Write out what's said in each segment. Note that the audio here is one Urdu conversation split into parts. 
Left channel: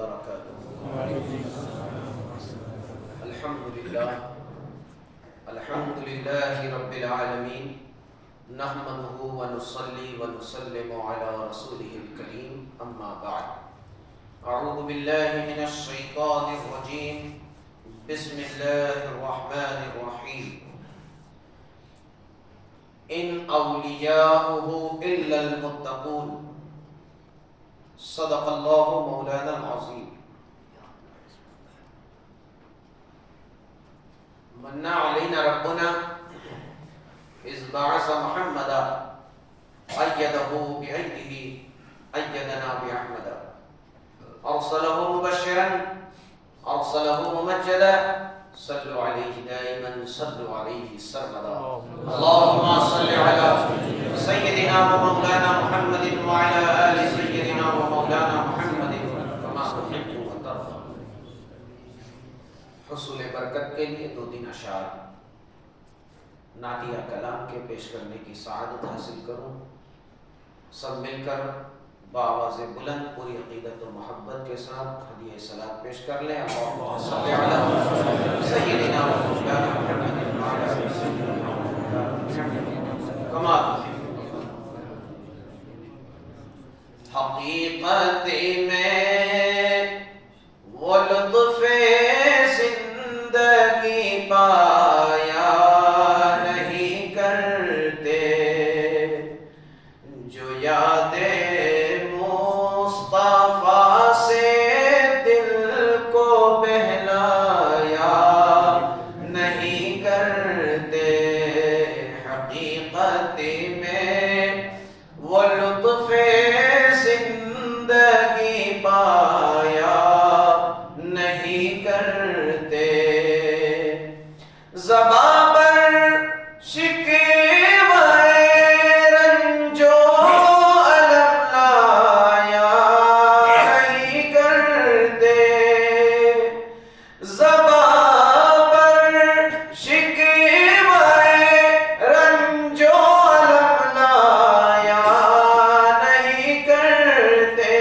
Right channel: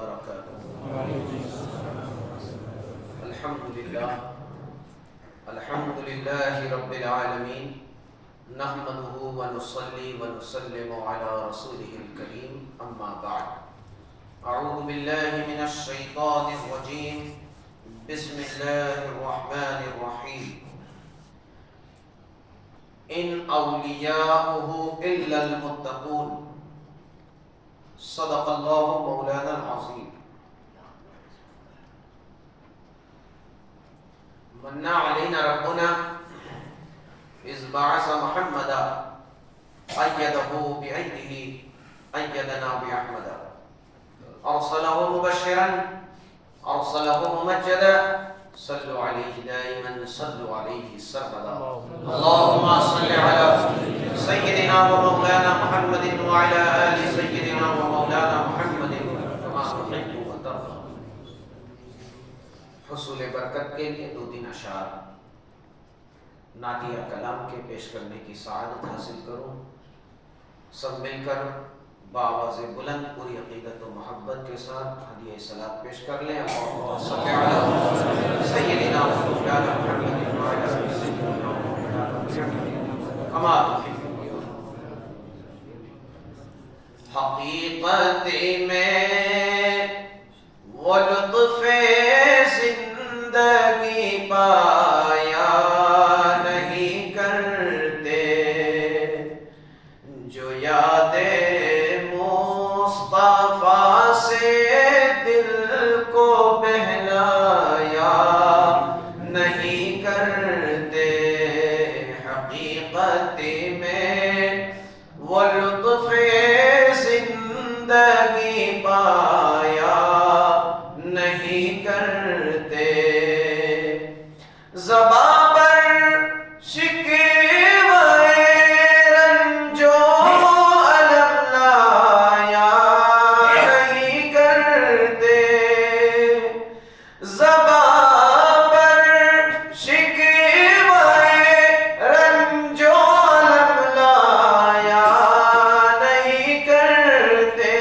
وبرکاتہ۔ الحمد للہ رب العالمین، نحمده ونصلی ونسلم علی رسوله الکریم، اما بعد۔ اعوذ باللہ من الشیطان الرجیم، بسم اللہ الرحمن الرحیم۔ ان اولیاؤہ الا المتقون، صدق اللہ مولانا العظیم۔ من علینا ربنا اذ بعث محمدا ایدہ بعیدہ ایدنا باحمدا، ارسلہ مبشرا ارسلہ ممجدا، صلوا علیہ دائما صلوا علیہ سرمدا۔ اللہم صل علی سیدنا و مولانا محمد وعلی آل سیدنا و مولانا محمد کما تحب و ترضى۔ حصول برکت کے لیے 2 دن اشعار نعتیہ کلام کے پیش کرنے کی سعادت حاصل کروں۔ سب مل کر بآواز بلند پوری عقیدت و محبت کے ساتھ ہدیہ صلات پیش کر لیں۔ اللہم صل علی سیدنا و مولانا محمد وعلی آل سیدنا و مولانا محمد کما تحب۔ حقیقت میں وہ لطف زندگی پایا نہیں کرتے جو یاد مصطفیٰ سے دل کو بہلایا نہیں کرتے۔ حقیقت میں وہ لطف زندگی پایا نہیں کرتے، زباں پر شکوہ رنج و الم لایا نہیں کرتے، زباں پر شکوہ رنج و الم لایا نہیں کرتے۔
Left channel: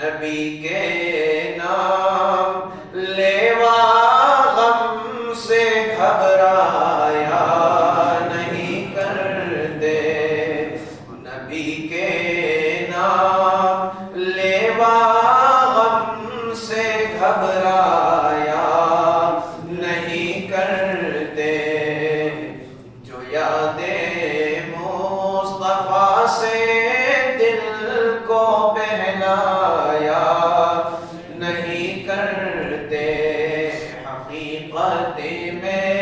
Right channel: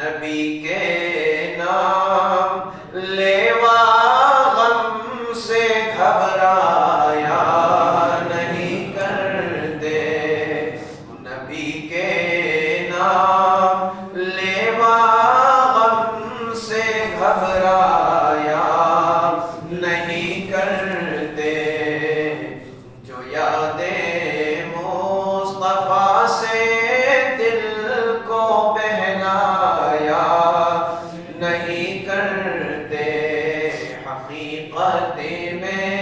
نبی کے نام لیوا غم سے گھبرایا نہیں کرتے، نبی کے نام لیوا غم سے گھبرایا نہیں کرتے، جو یاد مصطفیٰ سے دل کو بہلایا نہیں کرتے۔ حقیقت میں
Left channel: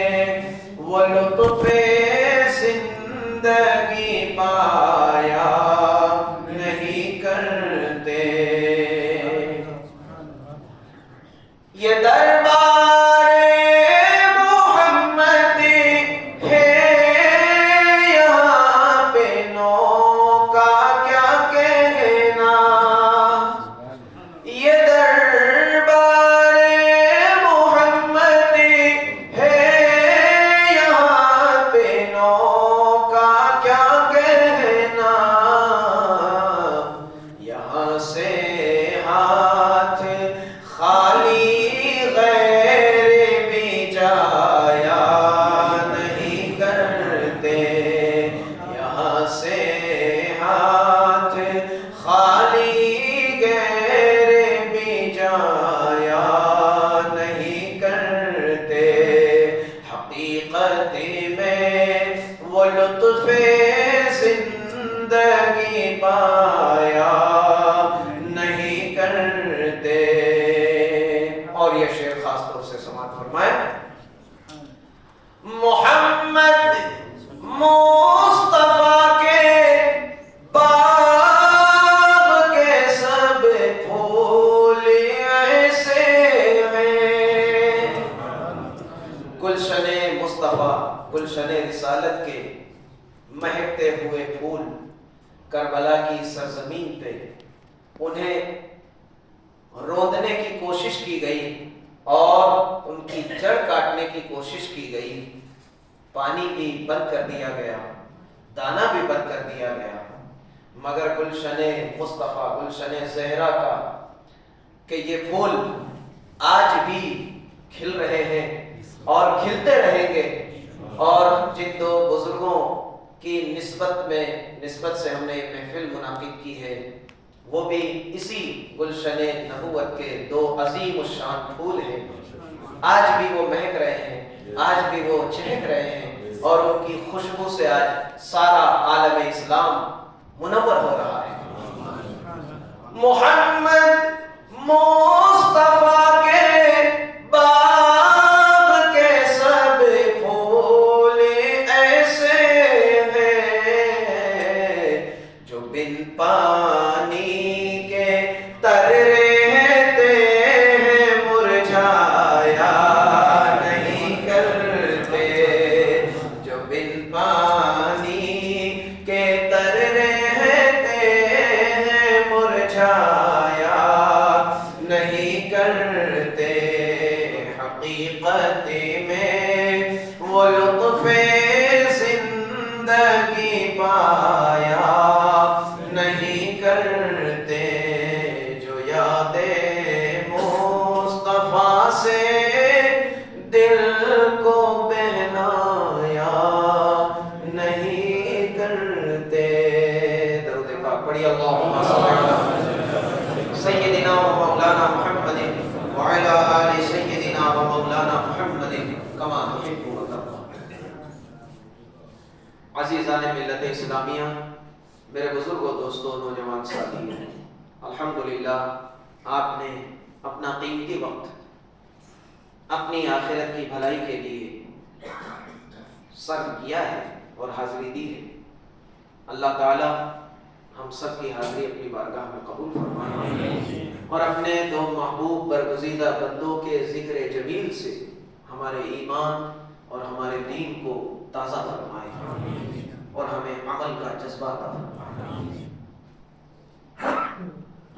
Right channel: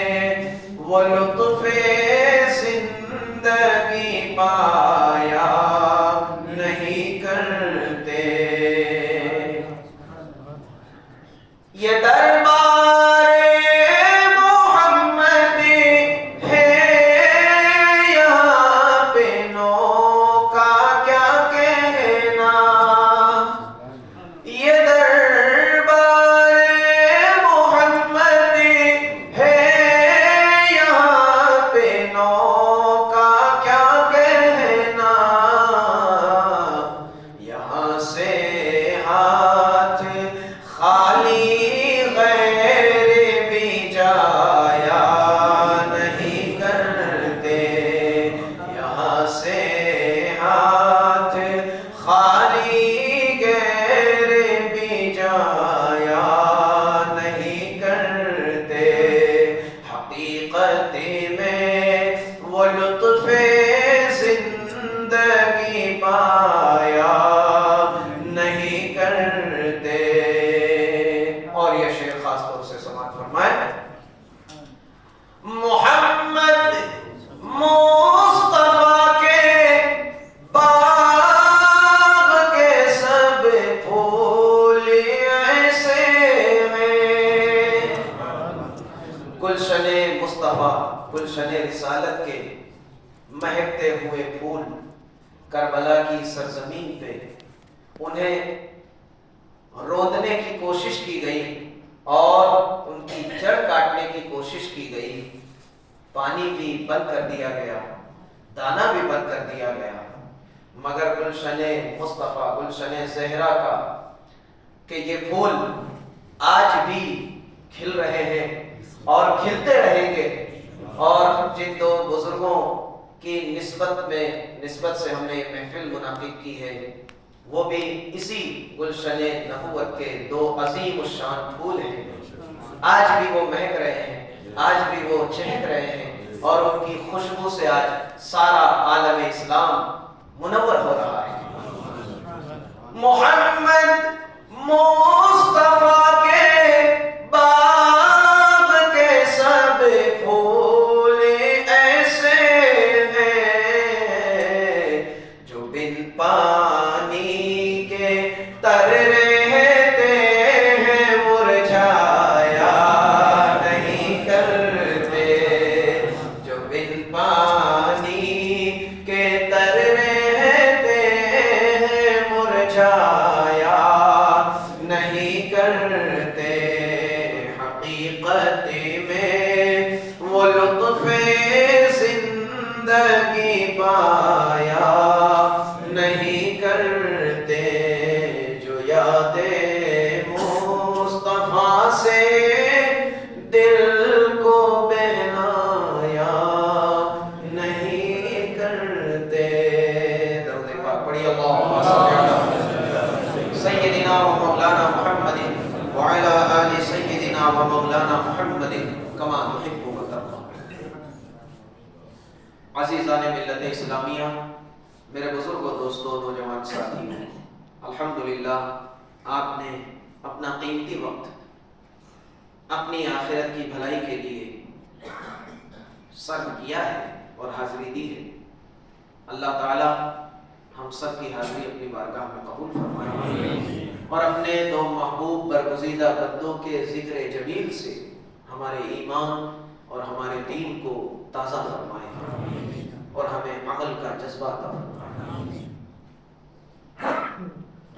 وہ لطف زندگی پایا نہیں کرتے۔ یہ دربار محمد ہے یہاں پہ، نو کا کیا کہنا۔ یہ دربار محمد ہے یہاں پہ، نو کا کیا کہنا۔ یہاں سے ہاتھ خالی غیر بھی جایا نہیں کرتے، یہاں سے ہاتھ خالی غیر بھی جایا نہیں کرتے۔ حقیقت میں وہ لطف زندگی پایا نہیں کرتے۔ اور یہ شعر خاص طور سے سماعت فرمائے۔ محمد مصطفیٰ کے باغ کے سب پھول ایسے ہیں، گلشن مصطفیٰ گلشن رسالت کے مہکتے ہوئے پھول کربلا کی سرزمین پہ انہیں روندنے کی کوشش کی گئی اور ان کی جڑ کاٹنے کی کوشش کی گئی۔ پانی بھی بند کر دیا گیا، دانا بھی بند کر دیا گیا، مگر گلشن مصطفیٰ، گلشن زہرا کا کہ یہ پھول آج بھی کھل رہے ہیں اور کھلتے رہیں گے، اور جن دو بزرگوں کی نسبت سے ہم نے ایک محفل منعقد کی ہے، وہ بھی اسی گلشن نبوت کے دو عظیم الشان پھول ہیں۔ آج بھی وہ مہک رہے ہیں، آج بھی وہ چہک رہے ہیں، اور ان کی خوشبو سے آج سارا عالم اسلام منور ہو رہا ہے۔ محمد مصطفیٰ کے باغ کے سب پھول ایسے ہیں جو بن پانی کے تر رہتے ہیں، مرجھایا نہیں کرتے، جو بن پانی کے تر رہتے ہیں، مرجھایا نہیں کرتے۔ حقیقت میں وہ لطف زندگی پایا نہیں کرتے، جو یاد مصطفیٰ سے دل کو بہلایا نہیں کرتے۔ درود پاک پڑھی، اللہم صلی علی سیدنا و مولانا محمد وعلی آل سیدنا و مولانا محمد کما تحب و ترضى۔ عزیزان ملت اسلامیہ، میرے بزرگوں، دوستوں، نوجوان ساتھیوں، الحمدللہ آپ نے اپنا قیمتی وقت اپنی آخرت کی بھلائی کے لیے صرف کیا ہے اور حاضری دی ہے۔ اللہ تعالی ہم سب کی حاضری اپنی بارگاہ میں قبول فرمائے، اور اپنے دو محبوب برگزیدہ بندوں کے ذکر جمیل سے ہمارے ایمان اور ہمارے دین کو تازہ فرمائے، اور ہمیں عمل کا جذبہ عطا فرمائے۔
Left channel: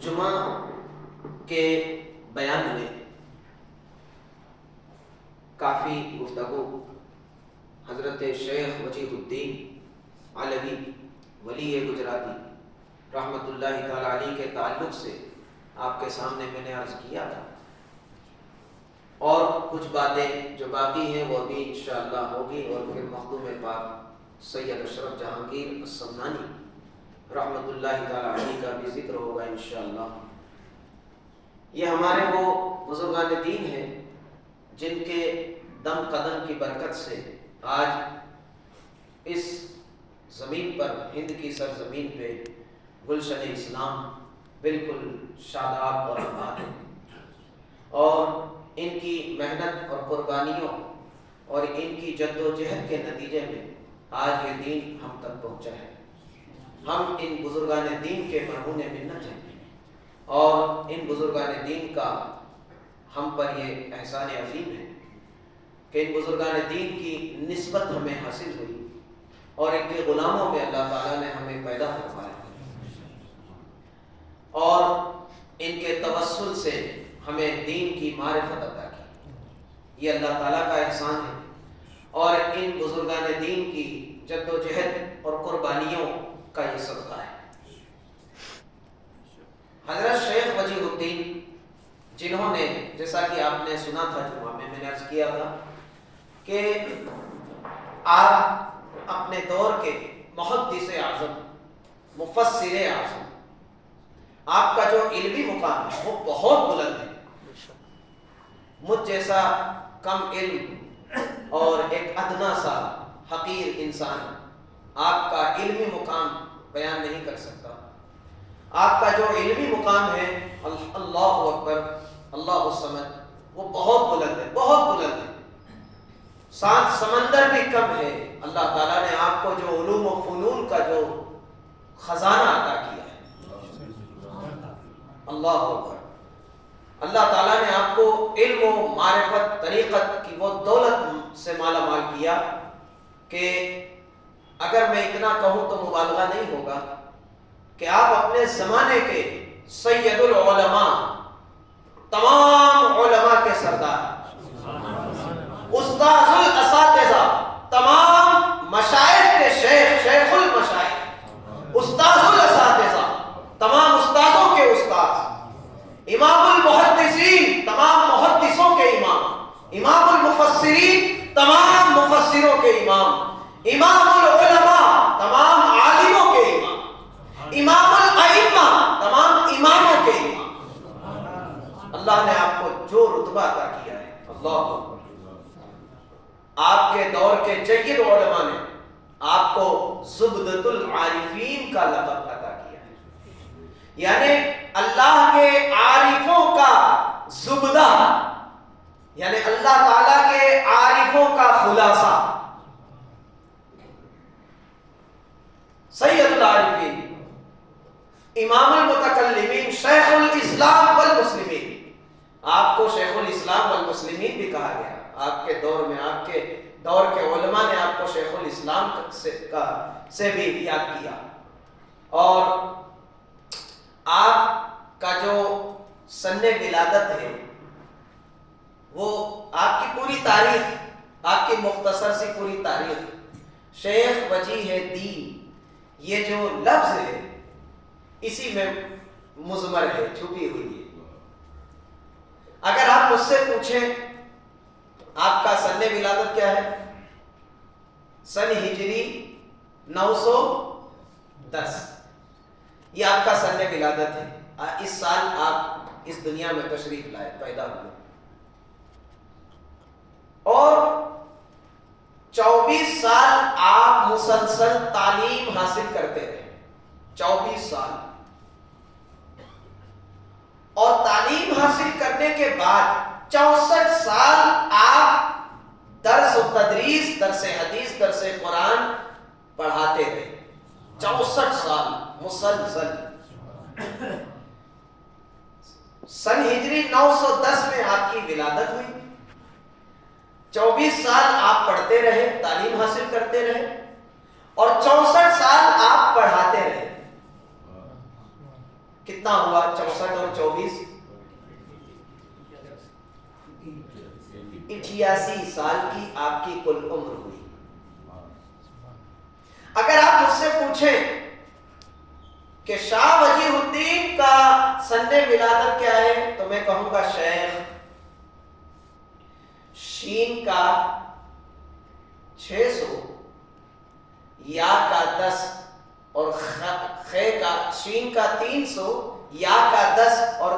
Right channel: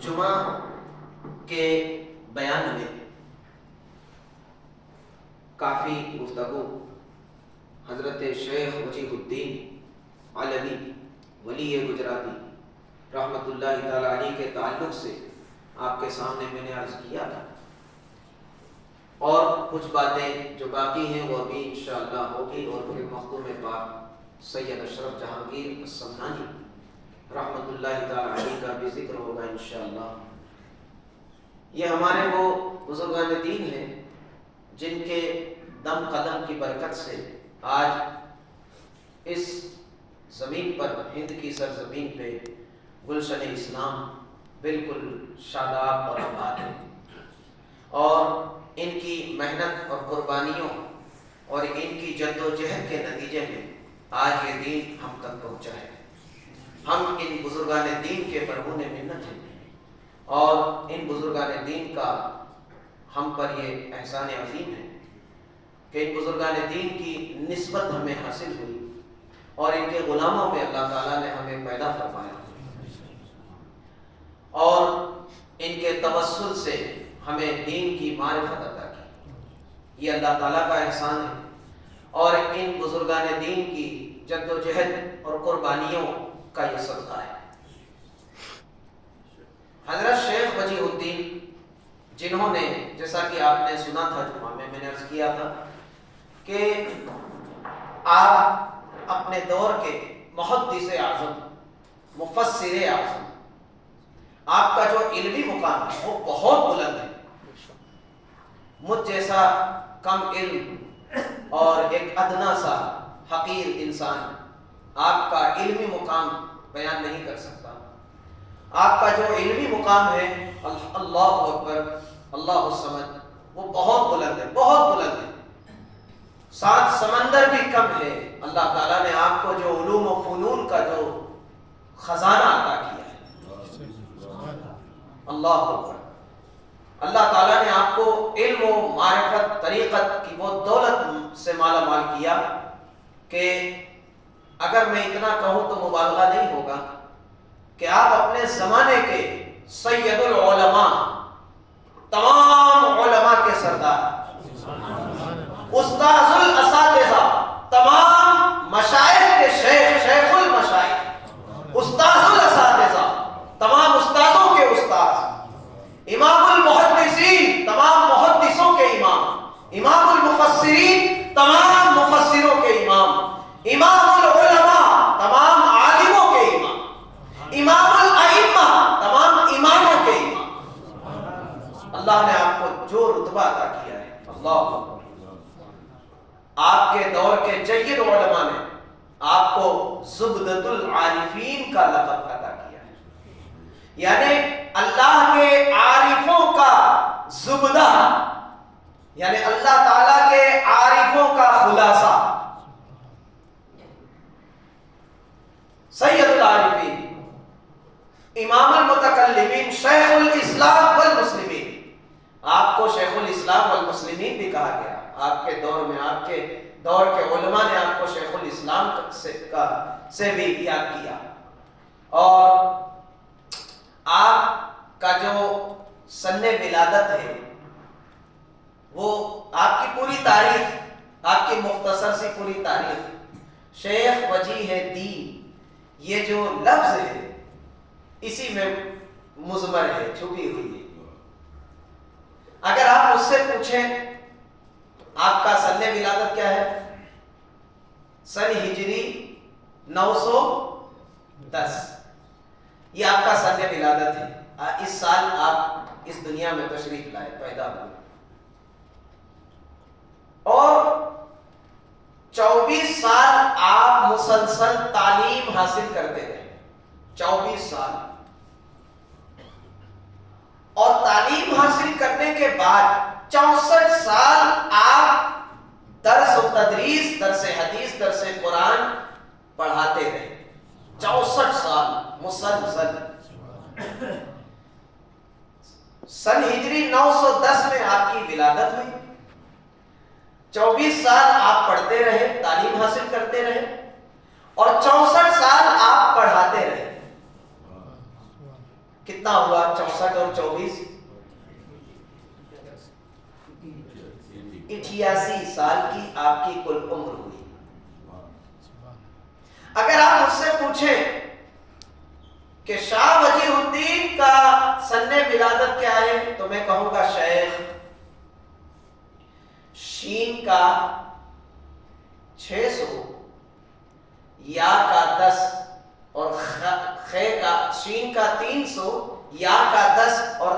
جمعہ کے بیان میں کافی گفتگو حضرت شیخ وجیہ الدین علوی ولی گجراتی رحمت اللہ تعالی علیہ کے تعلق سے آپ کے سامنے میں نے عرض کیا تھا، اور کچھ باتیں جو باقی ہیں وہ بھی انشاءاللہ ہوگی، اور پھر مخدوم پاک سید اشرف جہانگیر السمنانی رحمت اللہ تعالی علیہ کا بھی ذکر ہوگا انشاءاللہ۔ یہ ہمارے وہ بزرگان دین ہیں جن کے دم قدم کی برکت سے آج اس زمین پر، ہند کی سرزمین پہ گلشن اسلام بالکل شاداب اور آباد ہے، اور ان کی محنت اور قربانیوں اور ان کی جد و جہد کے نتیجے میں آج یہ دین ہم تک پہنچا ہے۔ ہم ان بزرگان دین کے مرہون منت ہیں، اور ان بزرگان دین کا ہم پر یہ احسان عظیم ہے کہ ان بزرگان دین کی نسبت ہمیں حاصل ہوئی، اور ان کے غلاموں میں اللہ تعالیٰ نے ہمیں پیدا فرمایا، اور ان کے توسل سے ہمیں دین کی معرفت عطا کی۔ یہ اللہ تعالیٰ کا احسان ہے، اور ان بزرگان دین کی جد و جہد اور قربانیوں کا یہ صدقہ ہے۔ حضرت شیخ وجیہ الدین، جنہوں نے، جیسا کہ آپ نے سنا تھا جمعہ میں نے عرض کیا تھا کہ آپ اپنے دور کے محدث اعظم، مفسر اعظم، آپ کا جو علمی مقام ہے وہ بہت بلند ہے۔ مجھ جیسا کم علم اور ایک ادنا سا حقیر انسان آپ کا علمی مقام بیان نہیں کر سکتا۔ آپ کا جو علمی مقام ہے، اللہ اکبر، اللہ الصمد، وہ بہت بلند ہے، بہت بلند ہے، 7 سمندر بھی کم ہے۔ اللہ تعالیٰ نے آپ کو جو علوم و فنون کا جو خزانہ عطا کیا ہے، اللہ اکبر، اللہ تعالیٰ نے آپ کو علم و معرفت طریقت کی وہ دولت سے مالا مال کیا کہ اگر میں اتنا کہوں تو مبالغہ نہیں ہوگا کہ آپ اپنے زمانے کے سید العلماء، تمام علماء کے سردار، استاذ الاساتذہ، تمام مشائخ کے شیخ، شیخ المشائخ، استاذ الاساتذہ، امام المحدثین تمام محدثوں کے امام، امام المفسرین تمام مفسروں کے امام، امام العلماء تمام عالموں کے امام، امام الائمہ تمام اماموں کے امام۔ اللہ نے آپ کو جو رتبہ عطا کیا ہے، اللہ آپ کے دور کے جید علماء نے آپ کو زبدۃ العارفین کا لقب عطا کیا ہے، یعنی اللہ کے عارفوں کا زبدہ، یعنی اللہ تعالیٰ کے عارفوں کا خلاصہ، سید العارفین، امام المتکلمین، شیخ الاسلام والمسلمین۔ آپ کو شیخ الاسلام والمسلمین بھی کہا گیا، آپ کے دور میں آپ کے دور کے علماء نے آپ کو شیخ الاسلام سے بھی یاد کیا۔ اور آپ کا جو سن ولادت ہے وہ آپ کی پوری تاریخ، آپ کی مختصر سی پوری تاریخ، شیخ وجیہ دین، یہ جو لفظ ہے اسی میں مضمر ہے، چھپی ہوئی ہے۔ اگر آپ مجھ سے پوچھیں آپ کا سن ولادت کیا ہے، سن ہجری 910، یہ آپ کا سن ولادت ہے۔ اس سال آپ اس دنیا میں تشریف لائے، پیدا ہوئے، اور 24 سال آپ مسلسل تعلیم حاصل کرتے رہے، 24 سال۔ اور تعلیم حاصل کرنے کے بعد 64 سال آپ درس و تدریس، درس حدیث، درس قرآن پڑھاتے رہے، 64 سال مسلسل۔ سن ہجری 910 میں آپ کی ولادت ہوئی، 24 سال آپ پڑھتے رہے، تعلیم حاصل کرتے رہے، اور 64 سال آپ پڑھاتے رہے۔ کتنا ہوا 64 اور 24؟ 88 سال کی آپ کی کل عمر ہوئی۔ اگر آپ مجھ سے پوچھیں کہ شاہ وجیہ الدین کا سن ولادت کیا ہے، تو میں کہوں گا شیخ، شین کا 600، یا کا 10 اور خے کا، شین کا 300، یا کا 10 اور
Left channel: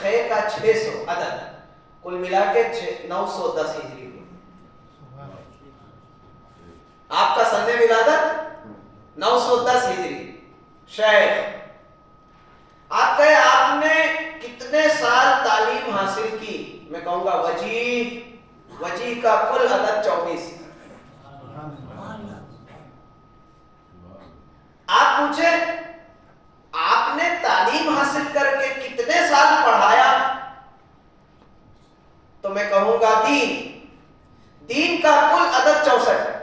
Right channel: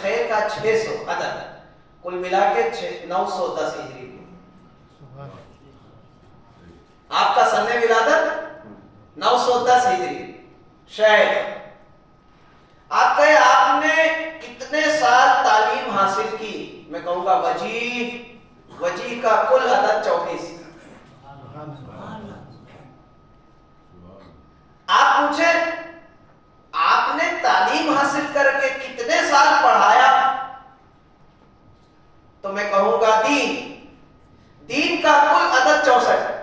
خے کا 600 عدد، کل ملا کے 910 ہجری ہوئی۔ آپ کا سن ولادت 910 ہجری، شیخ۔ آپ کہے آپ نے کتنے سال تعلیم حاصل کی، میں کہوں گا وجیہ کا کل عدد 24۔ آپ پوچھیں آپ نے تعلیم حاصل کر کے کتنے سال پڑھایا، تو میں کہوں گا دین کا کل عدد 64۔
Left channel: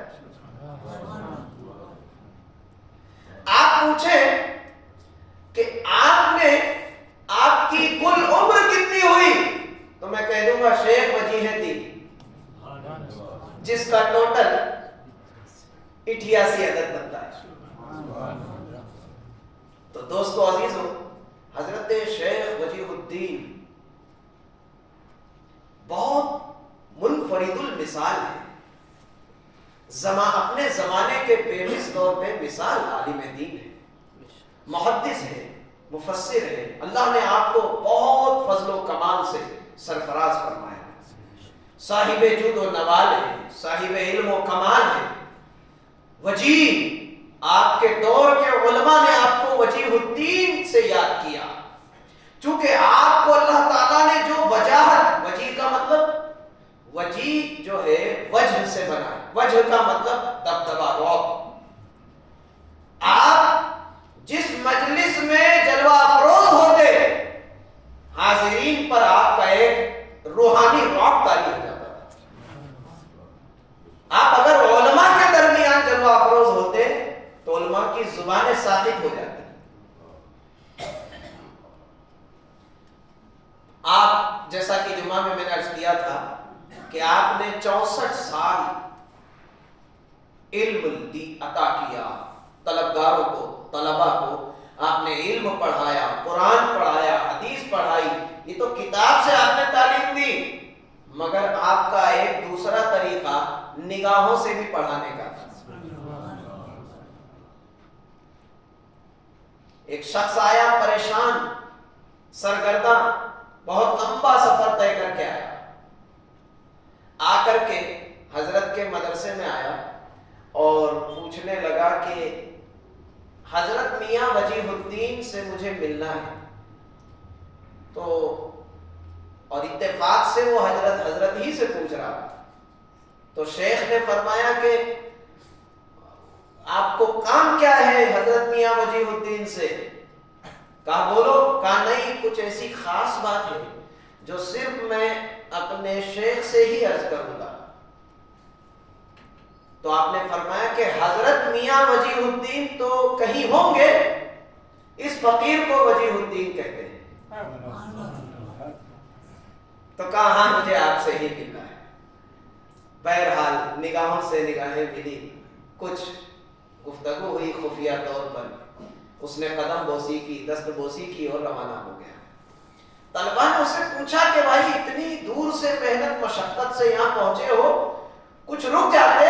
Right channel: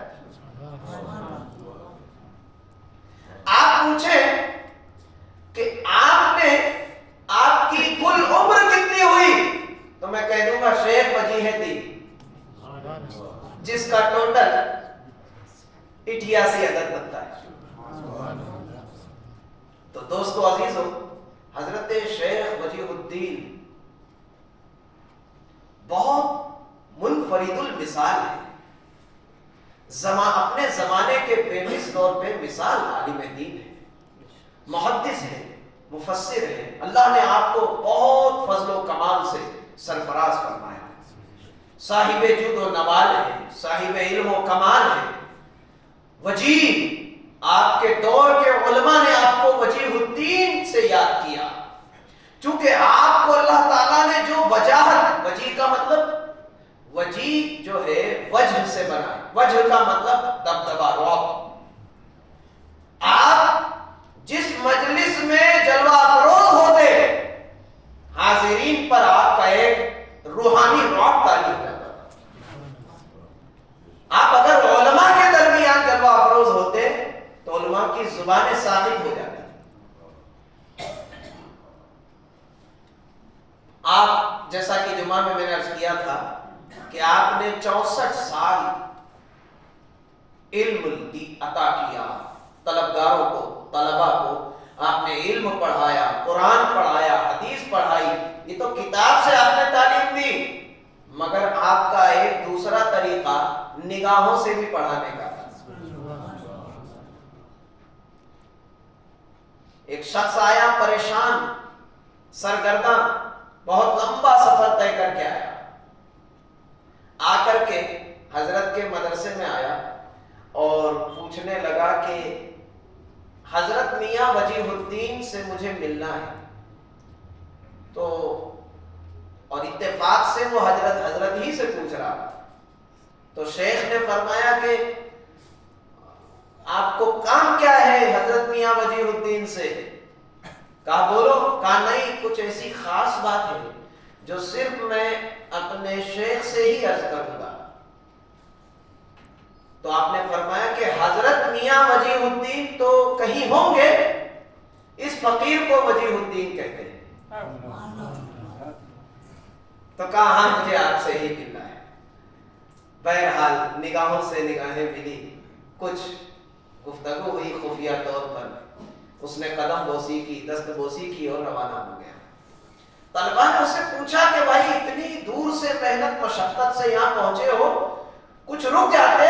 آپ پوچھیں کہ آپ کی کل عمر کتنی ہوئی، تو میں کہہ دوں گا شیخ وجیہ دین، جس کا ٹوٹل 88 عدد بنتا ہے۔ تو دوستو عزیزو، حضرت شیخ وجیہ الدین بہت منفرد المثال ہے، اپنے زمانے کے بے مثل اور بے مثال عالم دین ہے، محدث ہے، مفسر ہے۔ اللہ نے آپ کو بہت فضل و کمال سے سرفراز فرمایا، صاحب جود و نوال ہے، صاحب علم و کمال ہے، وجیہ۔ آپ کے دور کے علماء نے آپ کو وجیہ الدین سے یاد کیا، چونکہ آپ کو اللہ تعالیٰ نے جو وجاہت، وجیہ کا مطلب، وجیہ جو ہے وجہ سے بنا، وجہ کا مطلب دبدبا، رعب۔ آپ جس مجلس میں جلوہ افروز ہوتے، حاضرین پر آپ کا ایک روحانی رعب طاری ہو جاتا تھا۔ آپ اگر علماء کے درمیان جلوہ افروز ہوتے تو علماء کی زبانیں ساکت ہو جاتی۔ آپ جیسا کہ جمعہ میں نے عرض کیا تھا کہ آپ نے 64 سال علم عطا کیا، طلبگاروں کو، طلبہ کو آپ نے علم پڑھایا، قرآن پڑھایا، حدیث پڑھائی، یہ تو کتاب سے آپ نے تعلیم دی، مگر آپ کا ایک دوسرا طریقہ نگاہوں سے بھی پڑھانے کا تھا۔ ایک شخص آیا پریشان، سرگرداں، بہت لمبا سفر طے کر کے آیا، آ کر کے حضرت کے مدرسے میں آیا اور پوچھنے لگا کہ حضرت میاں وجیہ الدین سے مجھے ملنا ہے۔ تو اور اتفاق سے وہ حضرت ہی سے پوچھ رہا تھا۔ تو شیخ نے فرمایا کہ آپ کو کام کیا ہے حضرت میاں وجیہ الدین سے؟ کہا بولو۔ کہا نہیں، کچھ ایسی خاص بات ہے جو صرف میں اپنے شیخ سے ہی عرض کروں گا۔ تو آپ نے فرمایا کہ حضرت میاں وجیہ الدین تو کہیں ہوں گے، اس فقیر کو وجیہ الدین کہتے ہیں۔ تو کہا ہاں مجھے آپ سے ہی ملنا ہے۔ بہرحال نگاہوں سے نگاہیں ملی، کچھ گفتگو ہوئی خفیہ طور پر، اس نے قدم بوسی کی، دست بوسی کی اور روانہ ہو گیا۔ طلبہ نے اسے پوچھا کہ بھائی اتنی دور سے محنت مشقت سے یہاں پہنچے ہو، کچھ رک جاتے،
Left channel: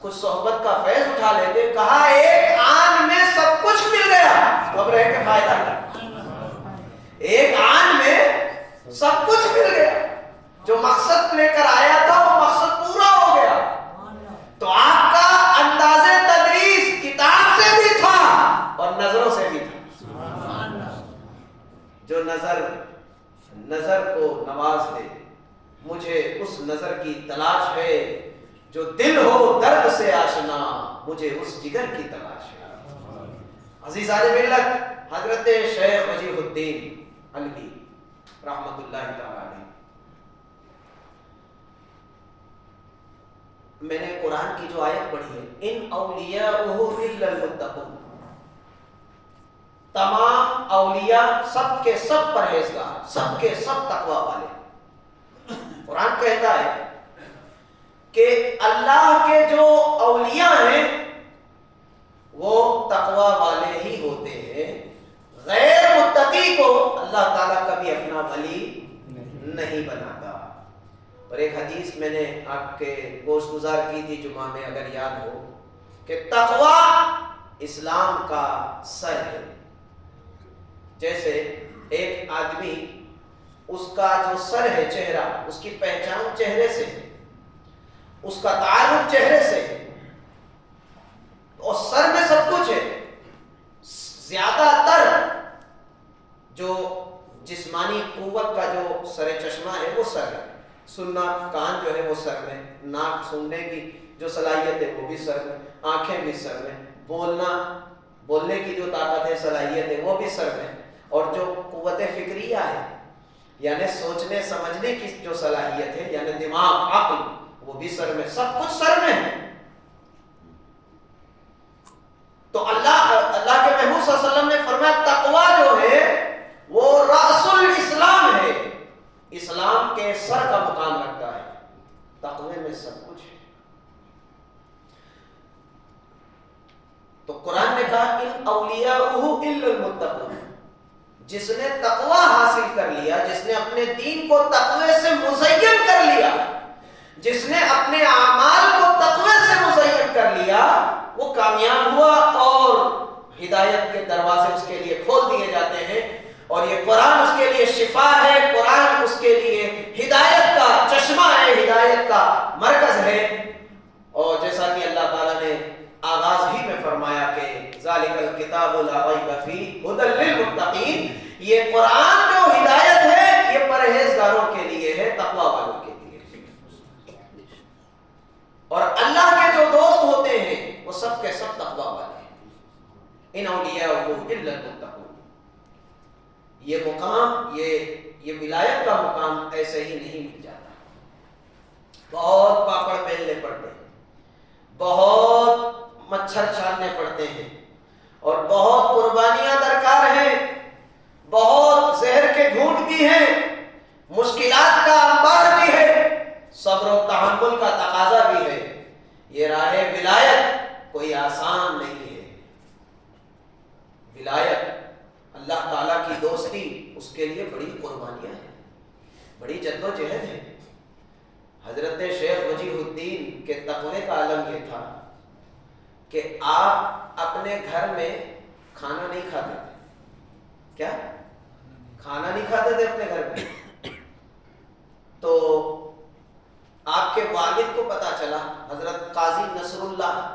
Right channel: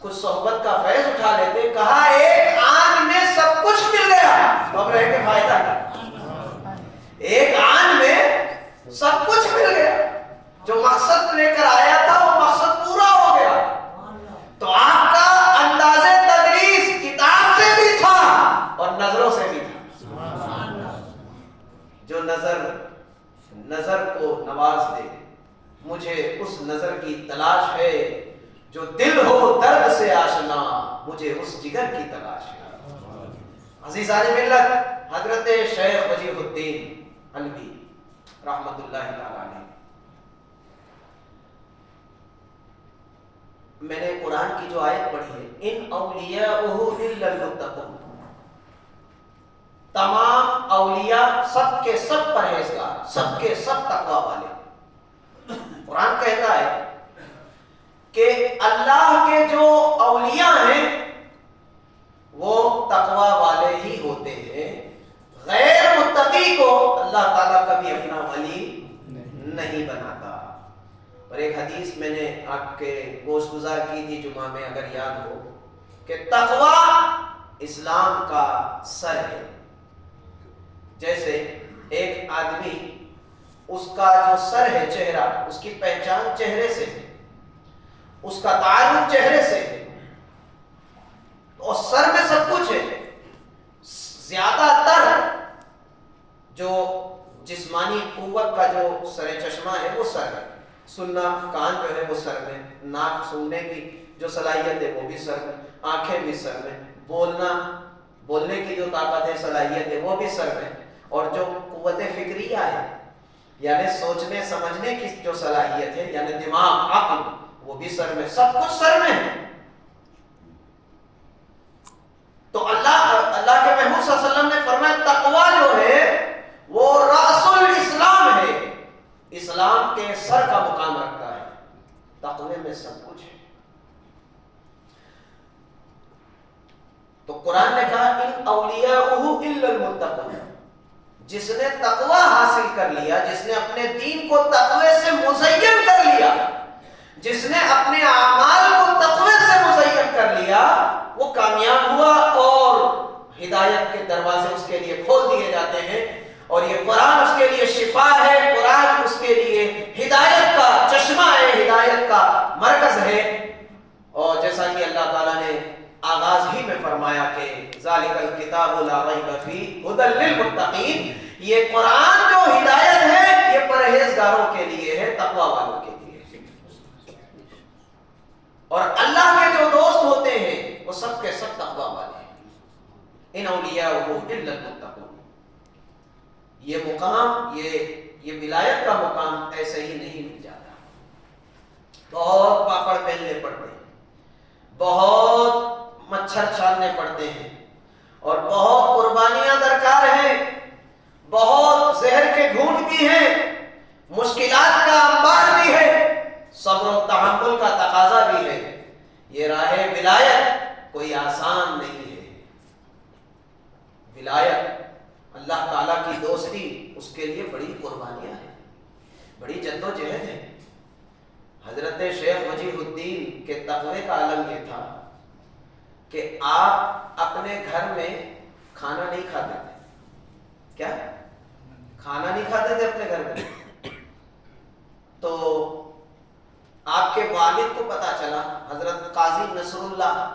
کچھ صحبت کا فیض اٹھا لیتے۔ کہا ایک آن میں سب کچھ مل گیا، اب رہ کے فائدہ کیا؟ ایک آن میں سب کچھ مل گیا، جو مقصد لے کر آیا تھا وہ مقصد پورا ہو گیا۔ تو آپ کا انداز تدریس کتاب سے بھی تھا اور نظروں سے بھی تھا۔ جو نظر کو نواز دے، مجھے اس نظر کی تلاش ہے، جو دل ہو درد سے آشنا، مجھے اس جگر کی تلاش ہے۔ عزیزان ملت، حضرت شیخ وجیہ الدین علوی رحمت اللہ تعالی علیہ، میں نے قرآن کی جو آیت پڑھی ہے، ان اولیاءہ الا المتقون، تمام اولیاء سب کے سب پرہیزگار، سب کے سب تقوی والے۔ قرآن کہتا ہے کہ اللہ کے جو اولیاء ہیں وہ تقوی والے ہی ہوتے ہیں، غیر متقی کو اللہ تعالیٰ کبھی اپنا ولی نہیں بناتا۔ اور ایک حدیث میں نے آپ کے گوش گزار کی تھی جمعہ میں، اگر یاد ہو، کہ تقوی اسلام کا سر ہے۔ جیسے ایک آدمی، اس کا جو سر ہے، چہرہ، اس کی پہچان چہرے سے ہے، اس کا تعارف چہرے سے ہے، اور سر میں سب کچھ ہے۔ زیادہ تر جو جسمانی قوت کا جو سر چشمہ ہے وہ سر ہے، سننا، کان جو ہے وہ سر میں، ناک سننے کی جو صلاحیت ہے وہ بھی سر میں، آنکھیں بھی سر میں، بولنے کی جو طاقت ہے، صلاحیت ہے، وہ بھی سر میں، اور جو قوت فکریہ ہے، یعنی سوچنے سمجھنے کی جو صلاحیت ہے، یعنی دماغ، عقل، وہ بھی سر میں، سب کچھ سر میں ہے۔ تو اللہ کے محبوب صلی اللہ علیہ وسلم نے فرمایا تقوی جو ہے وہ رأس الاسلام ہے، اسلام کے سر کا مقام رکھتا ہے۔ تقوی میں سب کچھ ہے۔ تو قرآن نے کہا ان اولیاءہ الا المتقون، جس نے تقوی حاصل کر لیا، جس نے اپنے دین کو تقوی سے مزین کر لیا، جس نے اپنے اعمال کو تقوی سے مزین کر لیا، وہ کامیاب ہوا اور ہدایت کے دروازے اس کے لیے کھول دیے جاتے ہیں۔ اور یہ قرآن اس کے لیے شفا ہے، قرآن اس کے لیے ہدایت کا چشمہ ہے، ہدایت کا مرکز ہے۔ اور جیسا کہ اللہ تعالیٰ نے آغاز ہی میں فرمایا کہ ذالک الکتاب لا ریب فیہ ھدی للمتقین، یہ قرآن جو ہدایت ہے یہ پرہیزگاروں کے لیے ہے، تقوی والوں کے لیے۔ اور اللہ کے جو دوست ہوتے ہیں وہ سب کے سب تقوی والے ہیں۔ ان اولیاءہ الا المتقون، یہ مقام، یہ ولایت کا مقام ایسے ہی نہیں مل جاتا۔ بہت پاپڑ پہننے پڑتے ہیں، بہت مچھر چھاننے پڑتے ہیں، اور بہت قربانیاں درکار ہیں، بہت زہر کے گھونٹ بھی ہیں، مشکلات کا انبار بھی ہے، صبر و تحمل کا تقاضا بھی ہے۔ یہ راہ ولایت کوئی آسان نہیں ہے۔ ولایت اللہ تعالیٰ کی دوستی اس کے لیے بڑی قربانیاں ہیں، بڑی جد و جہد ہے۔ حضرت شیخ وجیہ الدین کے تقوی کا عالم یہ تھا کہ آپ اپنے گھر میں کھانا نہیں کھاتے تھے۔ کیا؟ کھانا نہیں کھاتے تھے اپنے گھر میں۔ تو آپ کے والد کو پتا چلا، حضرت قاضی نصر اللہ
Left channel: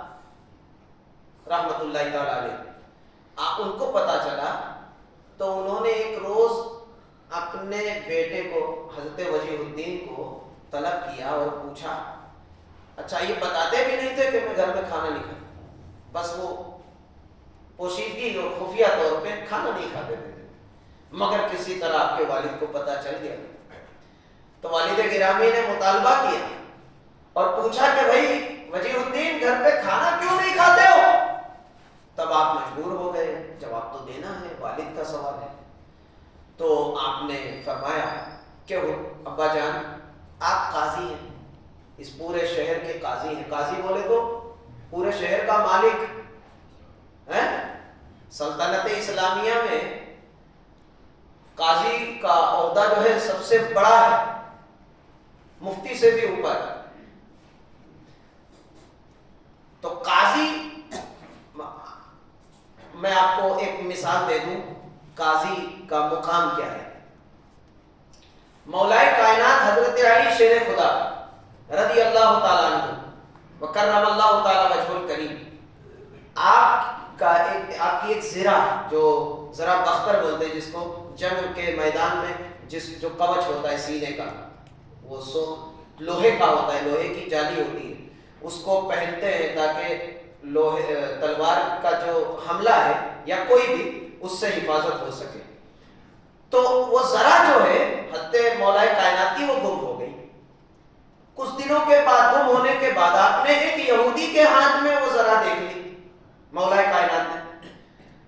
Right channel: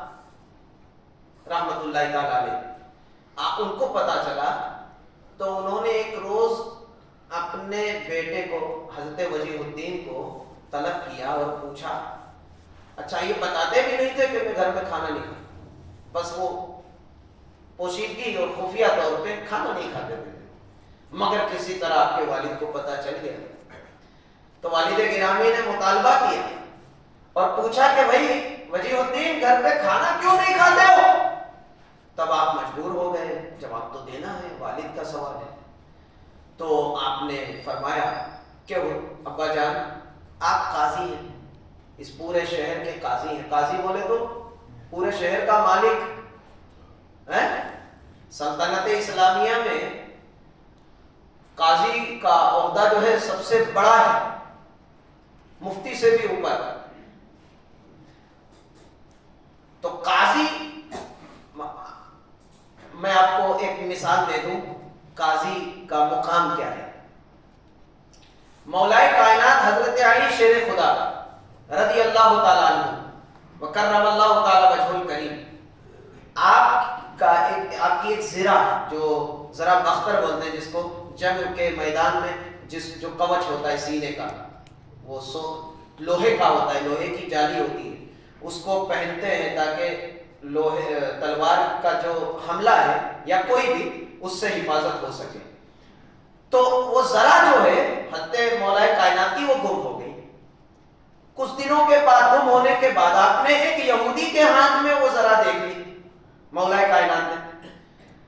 رحمت اللہ تعالی علیہ، ان کو پتا چلا تو انہوں نے ایک روز اپنے بیٹے کو حضرت وجیہ الدین کو طلب کیا اور پوچھا، اچھا یہ بتاتے بھی نہیں تھے کہ میں گھر میں کھانا نہیں کھاتا، بس وہ پوشیدگی اور خفیہ طور پہ کھانا نہیں کھاتے تھے، مگر کسی طرح آپ کے والد کو پتا چل گیا تو والد گرامی نے مطالبہ کیا اور پوچھا کہ بھائی وجیہ الدین گھر پہ کھانا کیوں نہیں کھاتے ہو؟ تب آپ مجبور ہو گئے، جواب تو دینا ہے، والد کا سوال ہے۔ تو آپ نے فرمایا کہ ابا جان آپ قاضی ہیں، اس پورے شہر کے قاضی ہیں، قاضی بولے تو پورے شہر کا مالک ہے۔ سلطنت اسلامیہ میں قاضی کا عہدہ جو ہے سب سے بڑا ہے، مفتی سے بھی اوپر۔ تو قاضی، میں آپ کو ایک مثال دے دوں قاضی کا مقام کیا ہے۔ مولا کائنات حضرت علی شیر خدا رضی اللہ تعالیٰ عنہ وکرم اللہ تعالیٰ وجہ الکریم، آپ کی ایک زرہ، جو ذرا بختر بولتے ہیں جس کو، جنگ کے میدان میں جو کوچ ہوتا ہے سینے کا، وہ لوہے کا ہوتا ہے، لوہے کی جالی ہوتی ہے، اس کو پہنتے ہیں تاکہ تلوار کا جو حملہ ہے یا کوئی بھی اس سے حفاظت ہو سکے۔ تو وہ ذرا جو ہے حضرت مولا کائنات کی وہ گم ہو گئی۔ کچھ دنوں کے بعد، گم ہونے کے بعد، آپ نے ایک یہودی کے ہاتھ میں وہ ذرا دیکھ لی مولا کائنات نے۔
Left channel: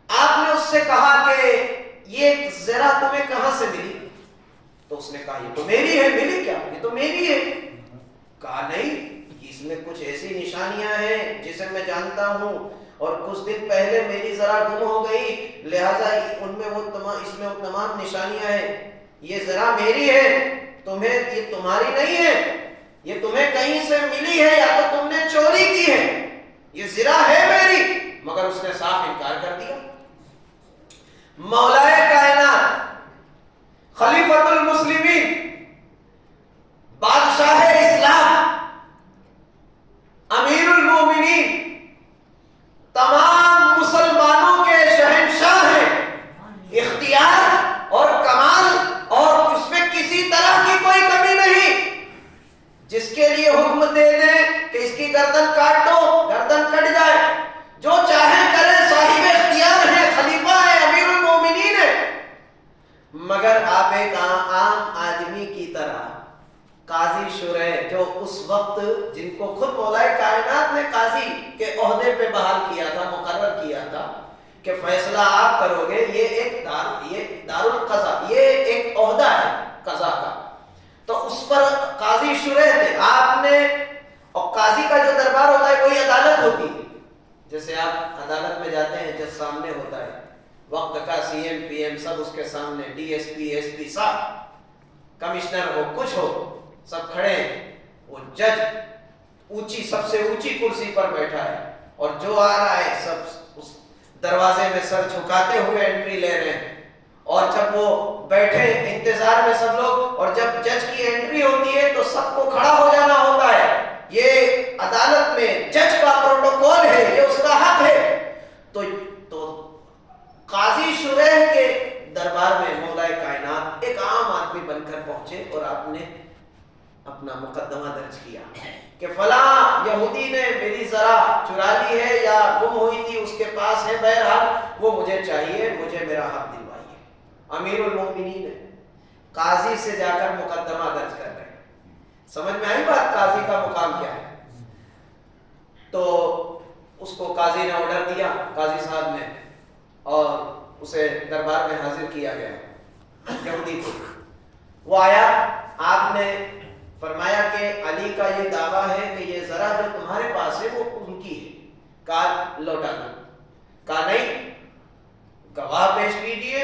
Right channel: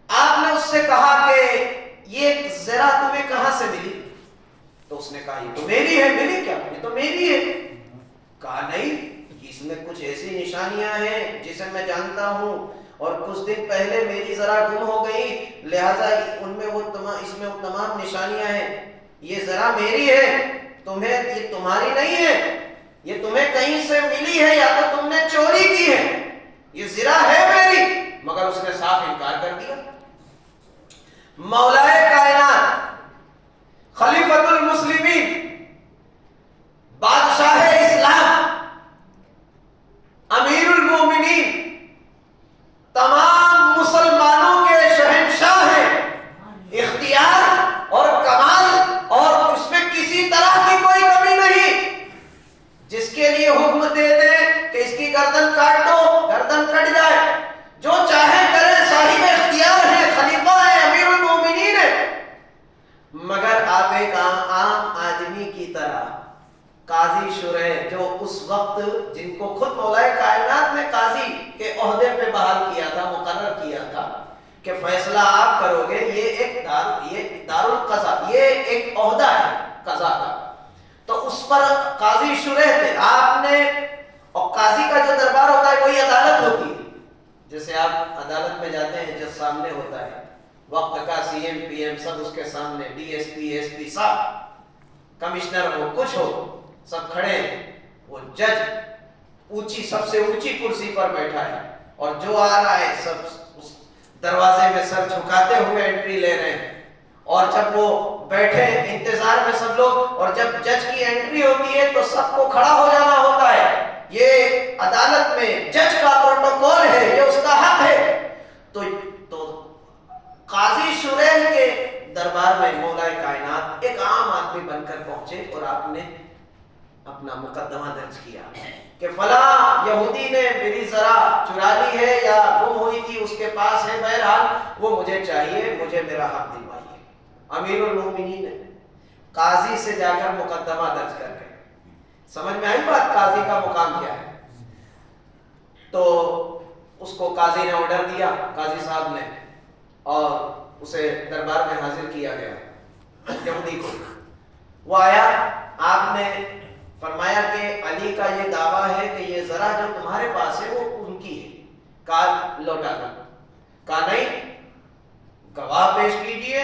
آپ نے اس سے کہا کہ یہ ذرا تمہیں کہاں سے ملی؟ تو اس نے کہا یہ تو میری ہے۔ ملی کیا؟ یہ تو میری ہے۔ کہا نہیں، اس میں کچھ ایسی نشانیاں ہیں جسے میں جانتا ہوں، اور کچھ دن پہلے میری ذرا گم ہو گئی، لہذا ان میں اس میں وہ تمام نشانیاں ہیں۔ یہ ذرا میری ہے، یہ تمہاری نہیں ہے، یہ تمہیں کہیں سے ملی ہے یا تو تم نے چوری کی ہے، یہ ذرا ہے میری۔ مگر اس نے صاف انکار کر دیا۔ مولا کائنات، خلیفۃ المسلمین، بادشاہ اسلام، امیر المومنین، تمام مسلمانوں کے شہنشاہ ہیں، اختیار اور کمال اور اس میں کسی طرح کی کوئی کمی نہیں، جس کے لیے حکم دے دیں کہ اس کی گردن کاٹ دو، گردن کٹ جائے، جو چاہے کرے، صاحب اختیار ہے، خلیفہ ہے، امیر المومنین ہے۔ مگر آپ ایک عام آدمی کی طرح قاضی شرح، جو اس وقت جن کو خود مولا کائنات نے قاضی کے عہدے پہ بحال کیا تھا، مقرر کیا تھا کہ فیصلہ آپ کرو گے، یہ دار القضاء، یہ ایک عہدہ ہے قضا کا، تو اس پر قاضی شرح تھے آپ نے۔ اور قاضی کا جو دربار ہوتا ہے وہی عدالت ہوتی ہے۔ جیسے آپ عدالت میں جاتے ہیں، جج سامنے ہوتا ہے، وقت کا سی ایم پی ایم سب اس کے سامنے، D S P S P سب، کمشنر ہو کچھ ہو، سب کھڑے ہیں۔ وہ جج سب سے اونچی کرسی پر بیٹھا ہے، اور جو آ رہا ہے سب اس دروازے میں سر جھکاتے ہوئے انٹری لے رہے ہیں، اور جب وہ بیٹھے انتظار میں سب لوگ، اور جب جج کی انٹری ہوتی ہے تو سب کو کھڑا ہو جانا ہوتا ہے۔ یہ عدالت میں جج کا پروٹوکول ہے، یہ اس کا حق ہے۔ تو قاضی شرح کے دربار میں مولا کائنات ایک عام آدمی بن کر پہنچے، اور آپ نے اپنا مقدمہ درج کیا کہ فلاں یہودی نے میری ذرا چرا لی ہے یا گم ہوئی تھی، اس کے پاس ہے، بہرحال وہ مجھے چاہیے، مجھے میرا حق دلوائیے۔ امیر المومنین ہے، قاضی سے جا کر مقدمہ درج کر رہے ہیں۔ سمجھ میں آئی بات، قاضی کا مقام کیا ہے؟ تو اس کو قاضی نے آرڈر دیا، قاضی صاحب نے، اور اسے دربار میں حاضر کیا گیا یہودی کو۔ وہ آیا، آپ نے فرمایا کہ علی کا یہ دعویٰ ہے کہ یہ ذرا جو تمہارے پاس ہے وہ ان کی ہے، کہا لوٹا دو۔ کہا نہیں، گواہ پیش کیجئے.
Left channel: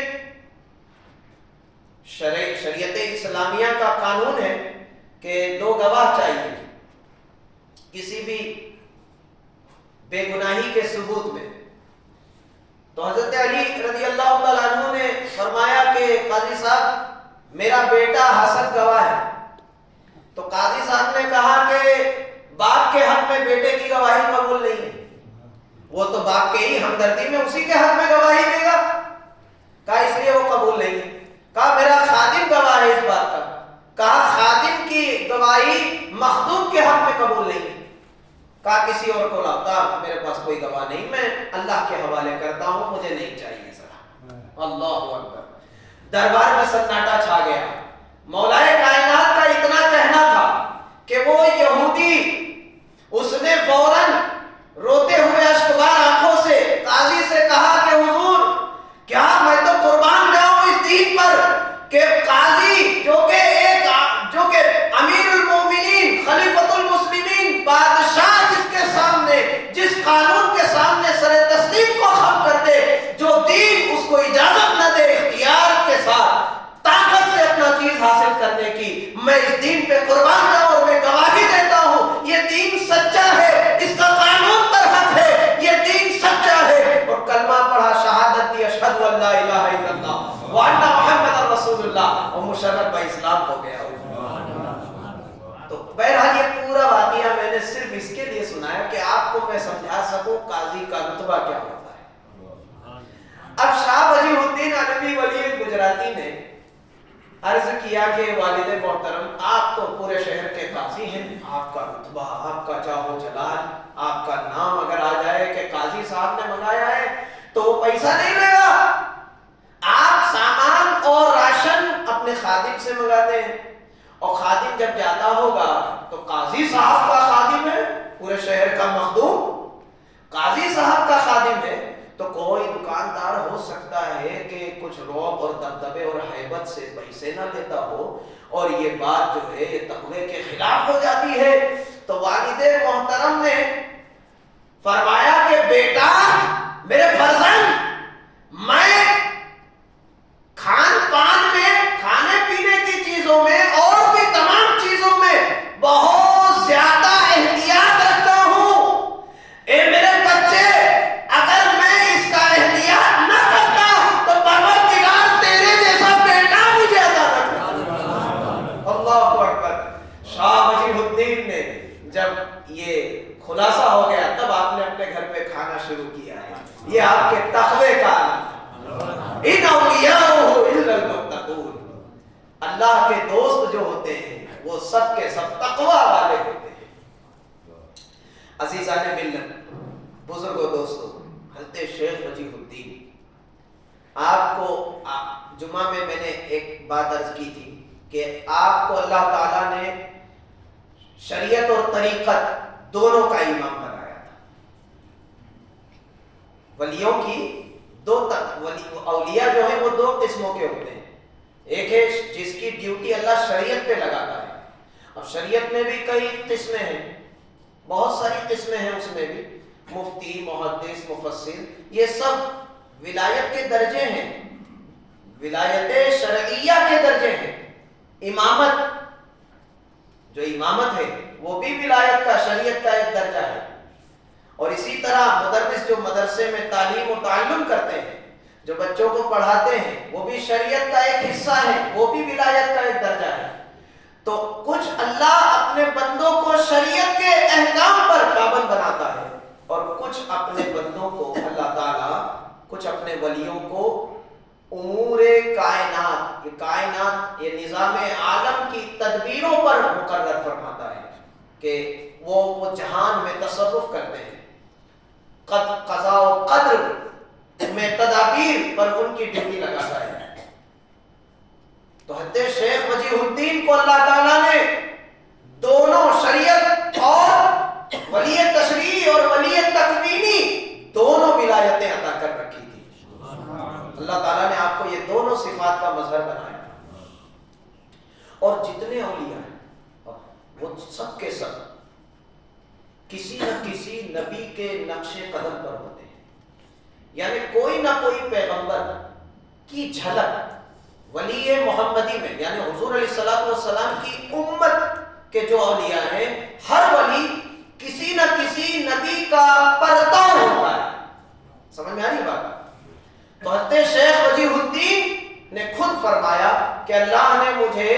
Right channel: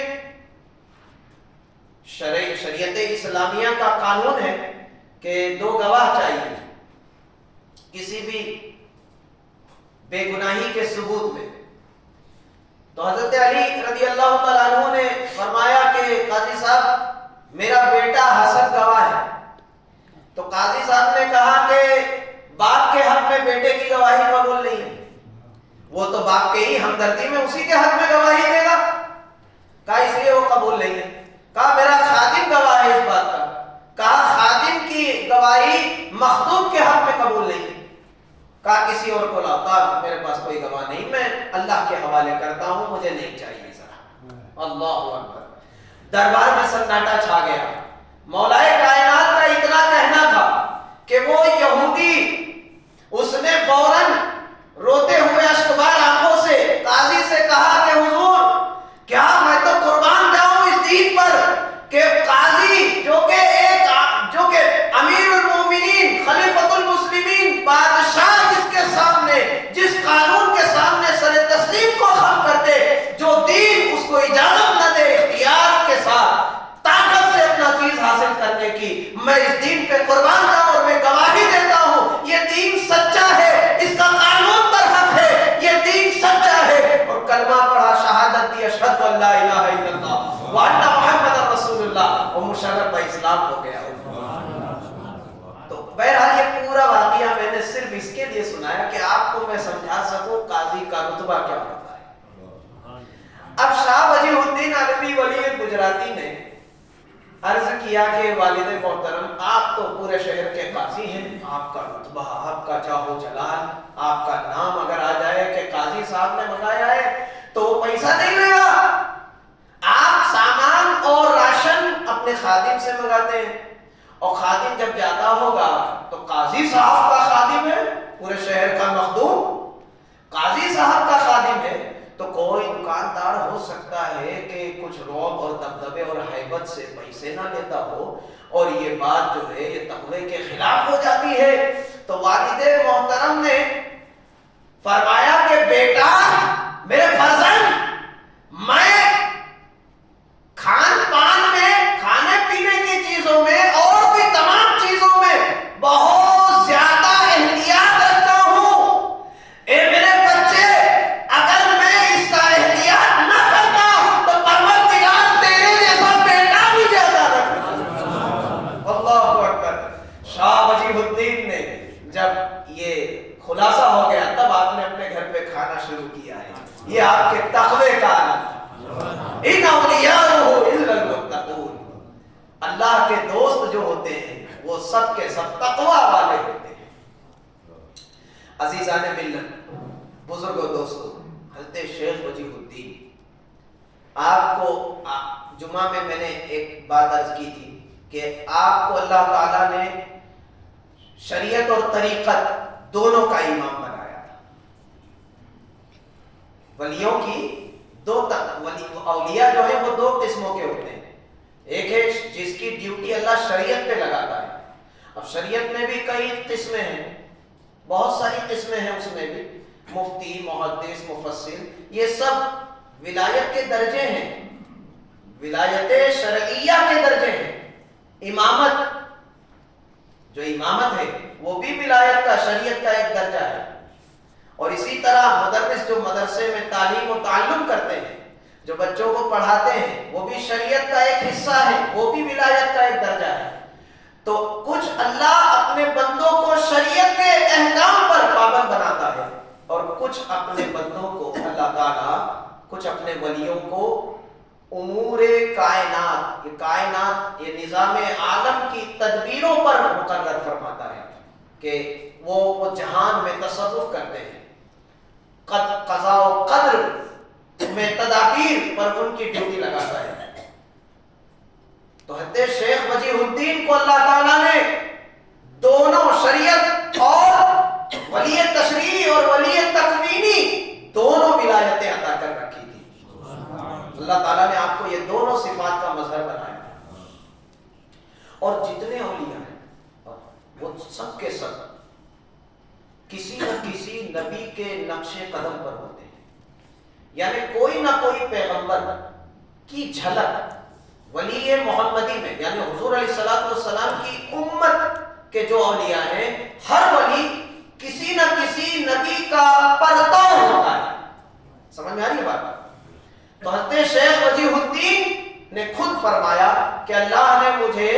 شریعت اسلامیہ کا قانون ہے کہ 2 گواہ چاہیے کسی بھی بے گناہی کے ثبوت میں. تو حضرت علی رضی اللہ تعالیٰ عنہ نے فرمایا کہ قاضی صاحب میرا بیٹا حسن گواہ ہے. تو قاضی صاحب نے کہا کہ باپ کے حق میں بیٹے کی گواہی قبول نہیں ہے. وہ تو باپ کے ہی ہمدردی میں اسی کے حق میں گواہی دے گا. کہا اس لیے وہ قبول نہیں ہے. کہا میرا خادم گواہ ہے اس بات کا. کہا خادم کی گواہی مخدوم کے حق میں قبول نہیں ہے. کہا کسی اور کو لاتا, میرے پاس کوئی گواہ نہیں, میں اللہ کے حوالے کرتا ہوں, مجھے نہیں چاہیے ذرا. اللہ اکبر. دربار میں سناٹا چھا گیا. مولائے کائنات کا اتنا کہنا تھا کہ وہ یہودی, اس نے فوراً روتے ہوئے اشکبار آنکھوں سے قاضی سے کہا کہ حضور کیا میں تو قربان جاؤں اس دین پر کہ قاضی جو کہ امیر المومنین خلیفۃ المسلمین بادشاہ جس کے سامنے جس قانون کے سامنے سر تسلیم کو خم کر دے, جو دین اس کو اجازت نہ دے اختیار کے ساتھ طاقت سے اپنا چیز حاصل کرنے کی, میں اس دین پہ قربان جاؤں اور میں گواہی دیتا ہوں یہ دین سچا ہے, اس کا قانون پر حق ہے, یہ دین سچا ہے. اور کلمہ پڑھا, شہادت دی اشہد ان لا الہ الا اللہ وان محمد رسول اللہ, اور مشرف با اسلام ہو گیا. تو بہرحال یہ پورا واقعہ میں نے صرف اس کے لیے سنایا کہ آپ کو میں سمجھا سکوں قاضی کا رتبہ کیا ہوتا ہے. اب شاہ وجیہ الدین علوی ولی گجراتی نے عرض کیا کہ والد محترم آپ تو پورے شہر کے قاضی ہیں, آپ کا رتبہ, آپ کا جاہ و جلال, آپ کا نام اگر آ جائے کہ قاضی صاحب نے منگایا ہے تو وہ پیسہ نہیں لے گا. آپ سامان اور راشن اپنے خادم سے منگاتے ہیں, اور خادم جب جاتا ہوگا تو قاضی صاحب کا خادم ہے, پورے شہر کا مخدوم قاضی صاحب کا خادم ہے, تو کوئی دکاندار ہو سکتا ہے کہ کچھ رعب اور دبدبے اور ہیبت سے پیسے نہ لیتا ہو, اور یہ بات جو ہے یہ تقوی کے خلاف ہو جاتی ہے. تو والد محترم نے فرمایا کہ بیٹا میرے فرزند, میں کھان پان میں, کھانے پینے کی چیزوں میں اور بھی تمام چیزوں میں بہت زیادہ احتیاط رکھتا ہوں. اے میرے بچے, اگر میں اس کا احتیاط نہ کرتا تو پروردگار تیرے جیسا بیٹا بھی زیادہ رکھتا. اللہ اکبر. شاہ وجیہ الدین نے جب یہ خلاصہ ہو گیا تب آپ نے اپنے گھر پہ کھانا شروع کیا ہے. یہ آپ کے تقوی کا علم ہے. ان اولیاءہ الا المتقون, اللہ کے دوست جو ہوتے ہیں وہ سب کے سب تقوی والے ہوتے ہیں. عزیزان ملت, بزرگوں, دوستوں, حضرت شیخ وجیہ الدین, آپ کو جمعہ میں نے ایک بات عرض کی تھی کہ آپ کو اللہ تعالیٰ نے شریعت اور طریقت دونوں کا امام بنایا تھا. ولیوں کی اولیاء جو ہیں وہ 2 قسموں کے ہوتے ہیں. ایک ہے جس کی ڈیوٹی اللہ شریعت پہ لگاتا ہے. اب شریعت میں بھی کئی قسمیں ہیں, بہت ساری قسمیں ہیں, اس میں بھی مفتی, محدث, مفسر, یہ سب ولایت کے درجے ہیں, ولایت شرعیہ کے درجے ہیں. امامت, جو امامت ہے وہ بھی ولایت کا, شریعت کا ایک درجہ ہے. اور اسی طرح مدرس جو مدرسے میں تعلیم و تعلم کرتے ہیں, جو بچوں کو پڑھاتے ہیں, وہ بھی شریعت کا ایک حصہ ہے, وہ بھی ولایت کا ایک درجہ ہے. تو کچھ اللہ اپنے بندوں کو شریعت کے احکام پر پابند بناتا ہے, اور کچھ اپنے بندوں کو اللہ تعالیٰ, کچھ اپنے ولیوں کو امور کائنات, یہ نظام عالم کی تدبیروں پر مقرر فرماتا ہے کہ وہ جہان میں تصرف کرتے ہیں. قضاء و قدر میں تدابیر پر ان کی ڈیوٹی لگاتا ہے. تو حضرت شیخ وجیہ الدین کو اللہ تعالیٰ نے دونوں شریعت اور ولی تشریعی اور ولی تکوینی دونوں ولایتیں عطا کر رکھی تھی. اللہ تعالیٰ نے آپ کو یہ دونوں صفات کا مظہر بنایا. اور جتنے اولیاء ہیں وہ سب کے سب کسی نہ کسی نبی کے نقش قدم پر ہوتے ہیں. یعنی کوئی نہ کوئی پیغمبر کی جھلک ولی محمدی میں، یعنی حضور علیہ السلام کی امت کے جو اولیاء ہیں، ہر ولی کسی نہ کسی نبی کا پرتو ہوتا ہے۔ سمجھ میں آ رہی بات؟ تو حضرت شیخ وجیہ الدین نے خود فرمایا کہ اللہ نے مجھے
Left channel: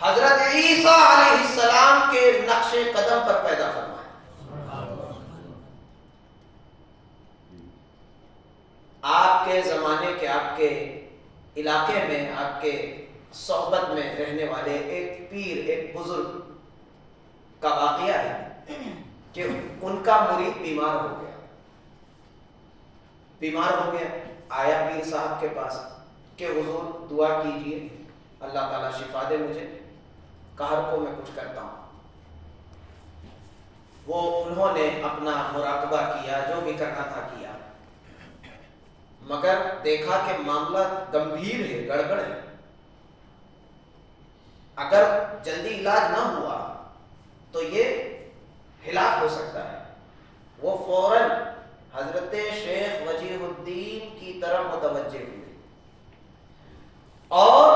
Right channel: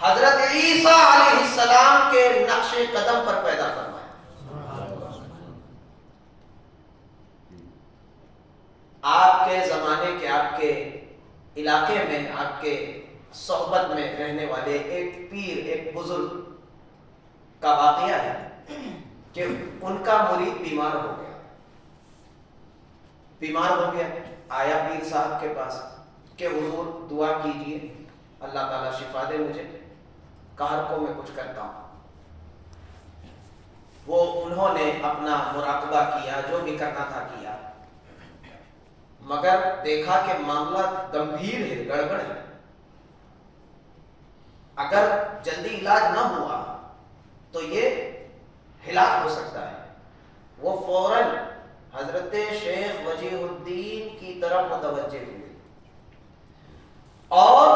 حضرت عیسیٰ علیہ السلام کے نقش قدم پر پیدا فرمایا۔ آپ کے زمانے کے، آپ کے علاقے میں، آپ کے صحبت میں رہنے والے ایک پیر، ایک بزرگ کا واقعہ ہے کہ ان کا مرید بیمار ہو گیا، آیا پیر صاحب کے پاس کہ حضور دعا کیجئے، اللہ تعالیٰ شفا دے مجھے، قہر کو میں کچھ کرتا ہوں۔ وہ انہوں نے اپنا مراقبہ کیا، جو بھی کرنا تھا کیا، مگر دیکھا کہ معاملہ گمبھیر ہے، گڑبڑ ہے، اگر جلدی علاج نہ ہوا تو یہ ہلاک ہو سکتا ہے۔ وہ فوراً حضرت شیخ وجیہ الدین کی طرف متوجہ ہوئے اور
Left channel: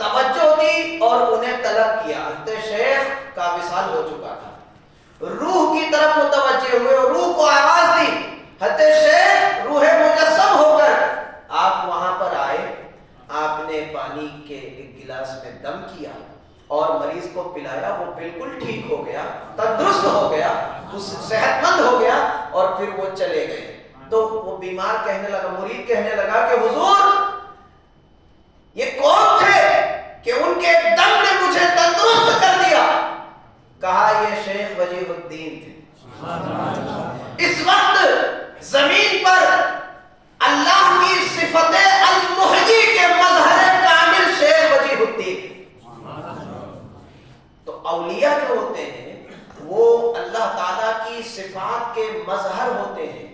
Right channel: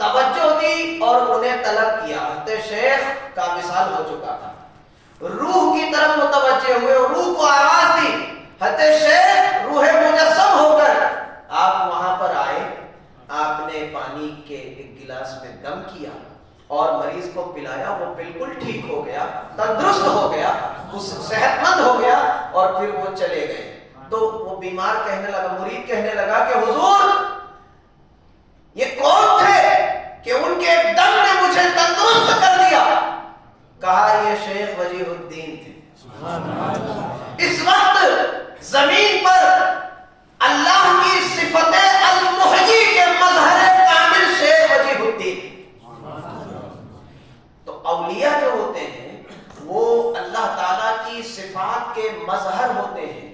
توجہ دی اور انہیں طلب کیا۔ حضرت شیخ کا وصال ہو چکا تھا، روح کی طرف متوجہ ہوئے اور روح کو آواز دی۔ حضرت شیخ روح مجسم ہو کر آپ وہاں پر آئے، آپ نے پانی کے ایک گلاس میں دم کیا اور مریض کو پلایا، وہ بالکل ٹھیک ہو گیا، تندرست ہو گیا، صحت مند ہو گیا، اور پھر وہ چلے گئے۔ تو وہ بیمار کہنے لگا، مرید کہنے لگا کہ حضور یہ کون تھے کہ ان کے دم نے مجھے تندرست کر دیا؟ کہا یہ شیخ وجیہ الدین تھے۔ اس وقت زمین پر اللہ کی صفت المحیی کے مظہر کامل شیخ وجیہ الدین۔ تو اولیاء جو ہوتے ہیں وہ اللہ تعالیٰ کی صفات کے مظہر ہوتے ہیں،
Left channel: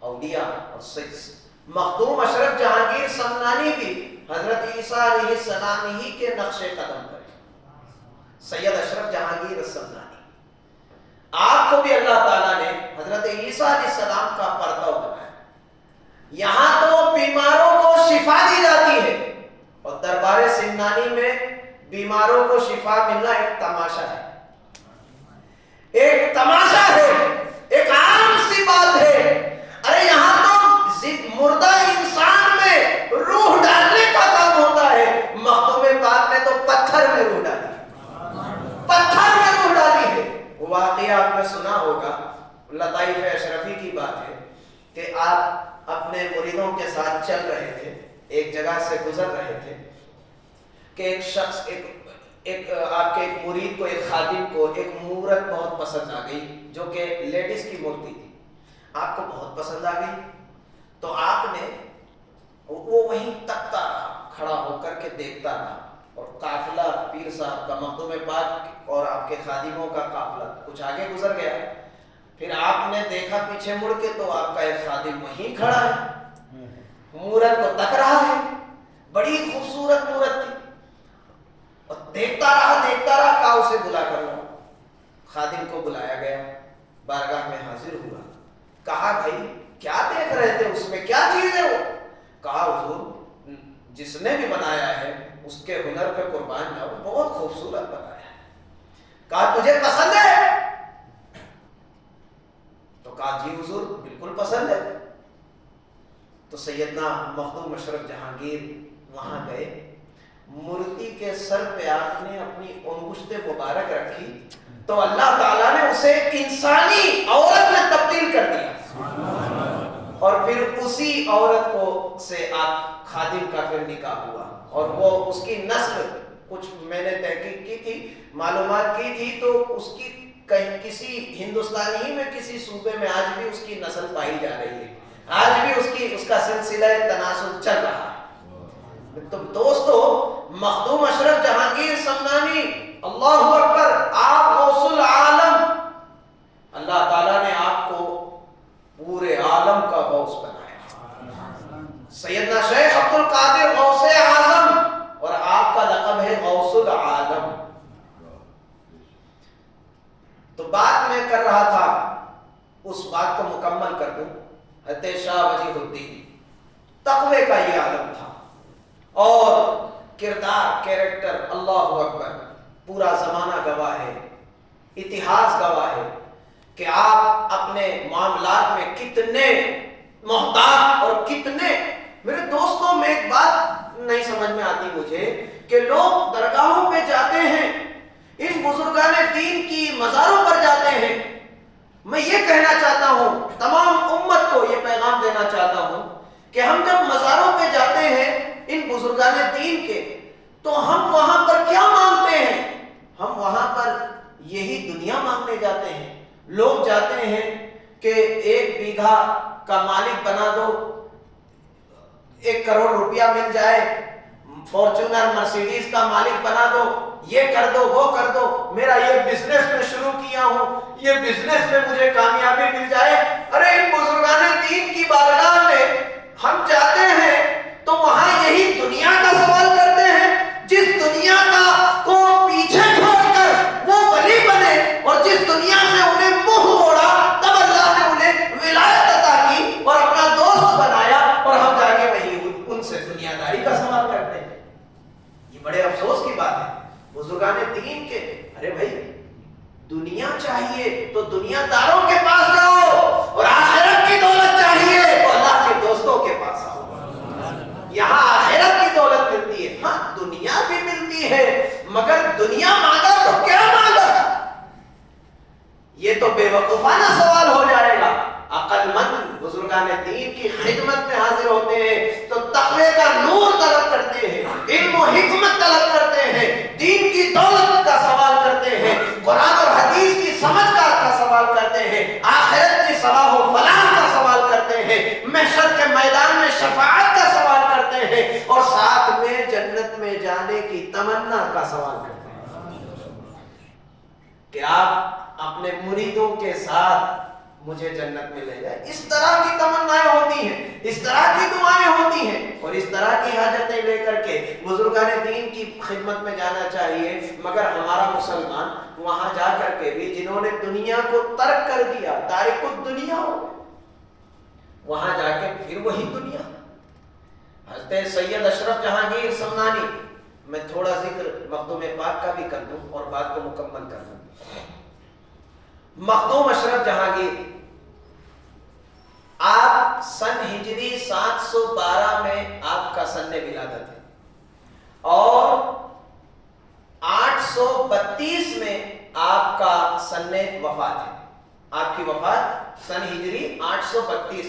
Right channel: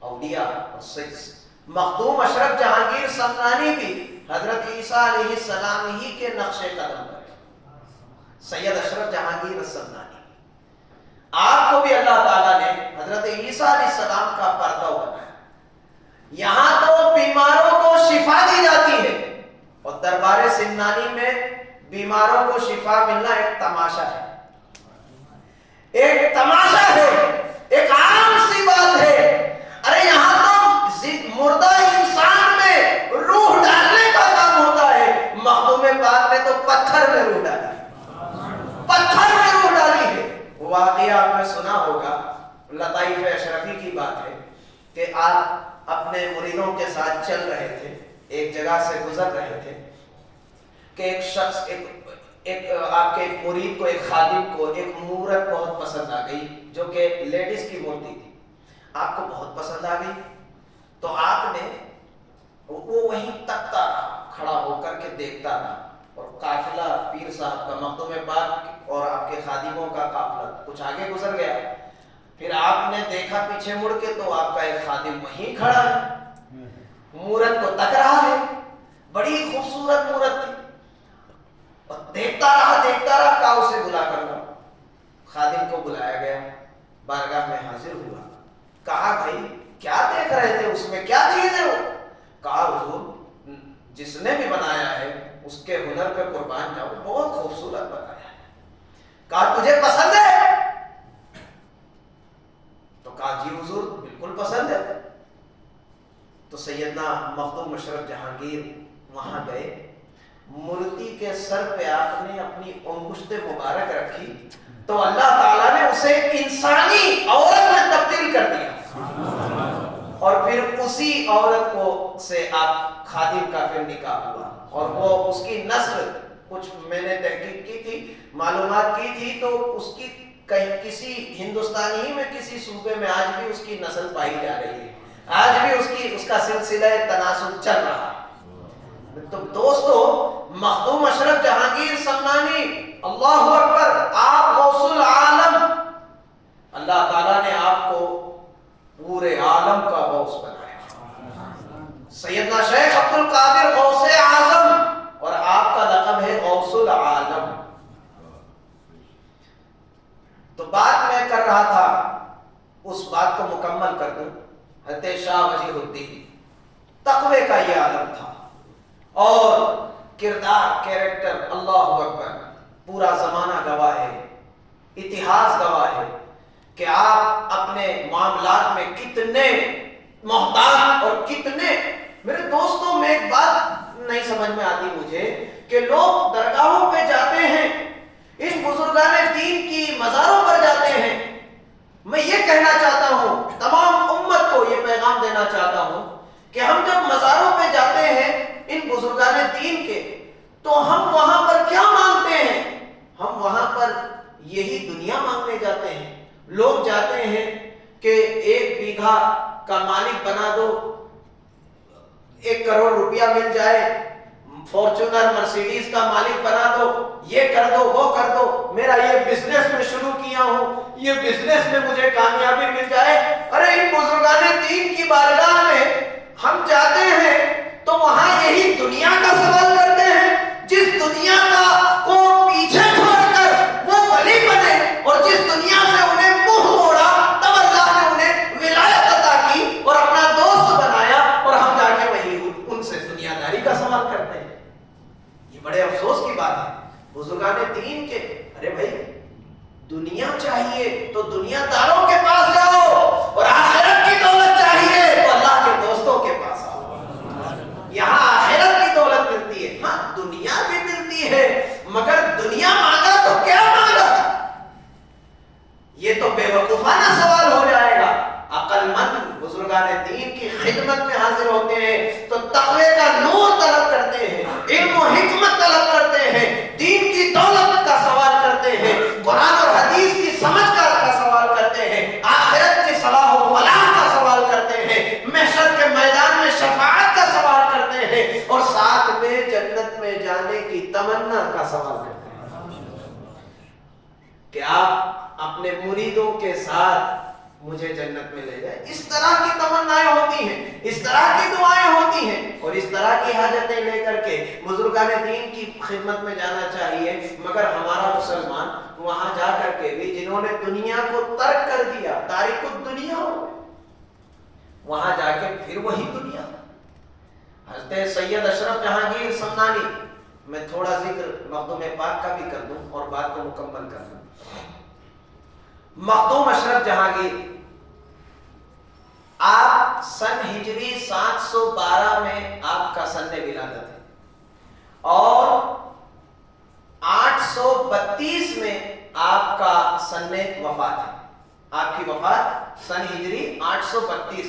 اولیاء۔ اور مخدوم اشرف جہانگیر سمنانی بھی حضرت عیسیٰ علیہ السلام ہی کے نقش قدم پر، سید اشرف جہانگیر سمنانی، آپ کو بھی اللہ تعالیٰ نے حضرت عیسیٰ علیہ السلام کا پردہ بنایا۔ یہاں تو بیماروں کو شفا دی جاتی ہے، اور دربار سمنانی میں بیماروں کو شفا ملنا ایک تماشا ہے، ایک تماشا ہے، ایک عام سی بات ہے۔ ارے یہاں تو مردہ انسان میں روح ڈالنے کا کام ہوتا ہے، مخدوم پاک نے تو پتھر میں روح ڈالی، پتھر میں روح ڈالی ہے۔ وہ واقعہ آپ نے سنا ہوگا، لطائف اشرفی کی بات ہے کہ آپ اپنے مریدوں کے ساتھ چل رہے تھے، ایک جگہ سے گزر رہے تھے کہ ایک شخص، آپ کے ایک مرید کو، ایک خادم کو ایک مورت بہت پسند آ گئی، جو کہ لیڈیز کی مورتی تھی، آپ کو بہت پسند آ گئی۔ تو آپ نے وہ وہیں تکتا رہا، کھڑا ہو کر کے دیکھتا رہا، اور قافلہ پیر صاحب کا، مخدوم پاک اور آپ کے خادموں کا قافلہ کچھ آگے گزر گیا۔ پھر آپ نے دیکھا پیچھے مڑ کے تو آپ کا ایک خادم وہیں کھڑا ہے، مورت کو تک رہا ہے، بڑی خوبصورت مورت تھی، اور دیکھتا رہا، کہا اسے بلا کر لاؤ۔ خادم کو بلایا گیا، بارگاہ میں حاضر ہوا، کہا بھائی کیا دیکھ رہے تھے، اس میں کیا چیز ہے وہ؟ کہا حضور جس نے بھی بنایا ہے اس کے ہنر پہ قربان جاؤ، بہت خوبصورت بنایا ہے۔ کہا تجھے پسند ہے؟ تو کہا جی حضور بالکل پسند ہے۔ تو سیدنا مخدوم اشرف جہانگیر وہاں گئے، مورتی کے سر پہ آپ نے اپنی انگشت مبارک رکھی تو اللہ تعالیٰ نے اسے انسانی عورت میں تبدیل کر دیا، اور پھر اسی عورت کو سے آپ خادم کا پھر نکاح ہوا، اور وہ اس کی نسل کچھ میں نے تحقیق کی تھی، معلومات کی تھی، تو اس کی کہیں کسی ہندوستان ہی میں کسی صوبے میں آج بھی اس کی نسل پائی جا رہی ہے، آج بھی اس کا سلسلہ تناسل چل رہا ہے۔ تو دوستو مخدوم اشرف جہانگیر سمنانی، اللہ اکبر، آپ غوث العالم، اللہ تعالیٰ نے آپ کو پورے عالم کا غوث بنایا۔ سیدنا شیخ عبد القادر غوث اعظم، اور آپ کا لقب ہے غوث العالم۔ تو بات میں کر رہا تھا اس بات کو مکمل کر دوں، حضرت شاہ وجیہ الدین تقوی کا یہ عالم تھا، اور کردار، کیریکٹر، اللہ اکبر، پورا زمانہ گواہ ہے، اتہاس گواہ ہے کہ آپ اپنے معاملات میں کتنے محتاط اور کتنے، میرے دوستوں میں ایک بات نہیں سمجھ میں آتی مجھے کہ لوگ درگاہوں پہ جاتے ہیں، ان بزرگان دین کی مزاروں پر جاتے ہیں۔ میں یہ کہنا چاہتا ہوں، تمام امت کو یہ پیغام دینا چاہتا ہوں کہ ہم جب مزاروں پہ جاتے ہیں ان بزرگان دین کے، تو ہم وہاں پر کیا مانگتے ہیں؟ ہم وہاں پر یہی دنیا مانگنے جاتے ہیں۔ لوگ جاتے ہیں کہ 1 بیگھا کا مالک بنا دو، 1 کروڑ روپیہ مل جائے، فارچونر مرسیڈیز کا مالک بنا دو، یہ کر دو وہ کر دو، میرا یہ بزنس میں شروع کیا ہوں، یہ بزنس میں مجھے کامیابی مل جائے۔ ارے ان بزرگان دین کی بارگاہ میں ہم جاتے ہیں تو وہاں یہی دنیا کا سوال کرتے ہیں، جس دنیا کا کو پیچھے چھوڑ کر وہ ولی بنے، اور جس دنیا سے انہیں منہ موڑا تب اللہ نے انہیں ولایت عطا کی اور اپنا دوست بنایا، اور ہم جا کے وہی ان سے دنیا داری کا سوال کرتے ہیں۔ یہ بڑے افسوس کی بات ہے بزرگان دین کے۔ ارے بھائی دنیا چاہیے تو دنیا داروں کے پاس جاؤ، اور آخرت کی دولت چاہیے تو اللہ کے دوستوں کے پاس آؤ، یہاں آخرت کی دولت ملتی ہے۔ ہاں دنیا بھی ملتی ہے، مگر دنیا مانگا تو کیا مانگا؟ یہ تو بے وقوفانہ سوال ہو جائے گا۔ عقل مند بزرگان دین کی خدمت میں حاضر ہوتے ہیں تو تقوی کا نور طلب کرتے ہیں، علم و حکمت طلب کرتے ہیں، دین کی دولت کا سوال کرتے ہیں، قرآن اور حدیث کی سمجھ کا سوال کرتے ہیں، آخرت کی صلاح و فلاح کا سوال کرتے ہیں، محشر کے میدان میں شفاعت کا سوال کرتے ہیں، اور ساتھ میں جنت میں جانے کی تمنا کا سوال کرتے ہیں کہ آپ اپنے مریدوں کے ساتھ مجھے جنت میں لے جائے۔ اس طرح کی تمنائیں ہوتی ہیں، اس طرح کی دعائیں ہوتی ہیں، اور اس طرح کی حاجتیں لے کر کے بزرگان دین کی خدمت میں جانا چاہیے۔ مگر ہمارا مسلمان وہاں جا کر کے بھی جنہوں نے دنیا کو ترک کر دیا، تارک الدنیا ہو، وہاں جا کے پھر وہی دنیا۔ حضرت سید اشرف جہانگیر سمنانی، میں تھوڑا ذکر مخدوم پاک کا بھی کر دوں اور بات کو مکمل کر دوں۔ مخدوم اشرف جہانگیر آپ سن ہجری 712 میں آپ کا سن ولادت ہے، اور 832 میں آپ کا سن وفات ہے۔ آپ کی وفات سن ہجری 832،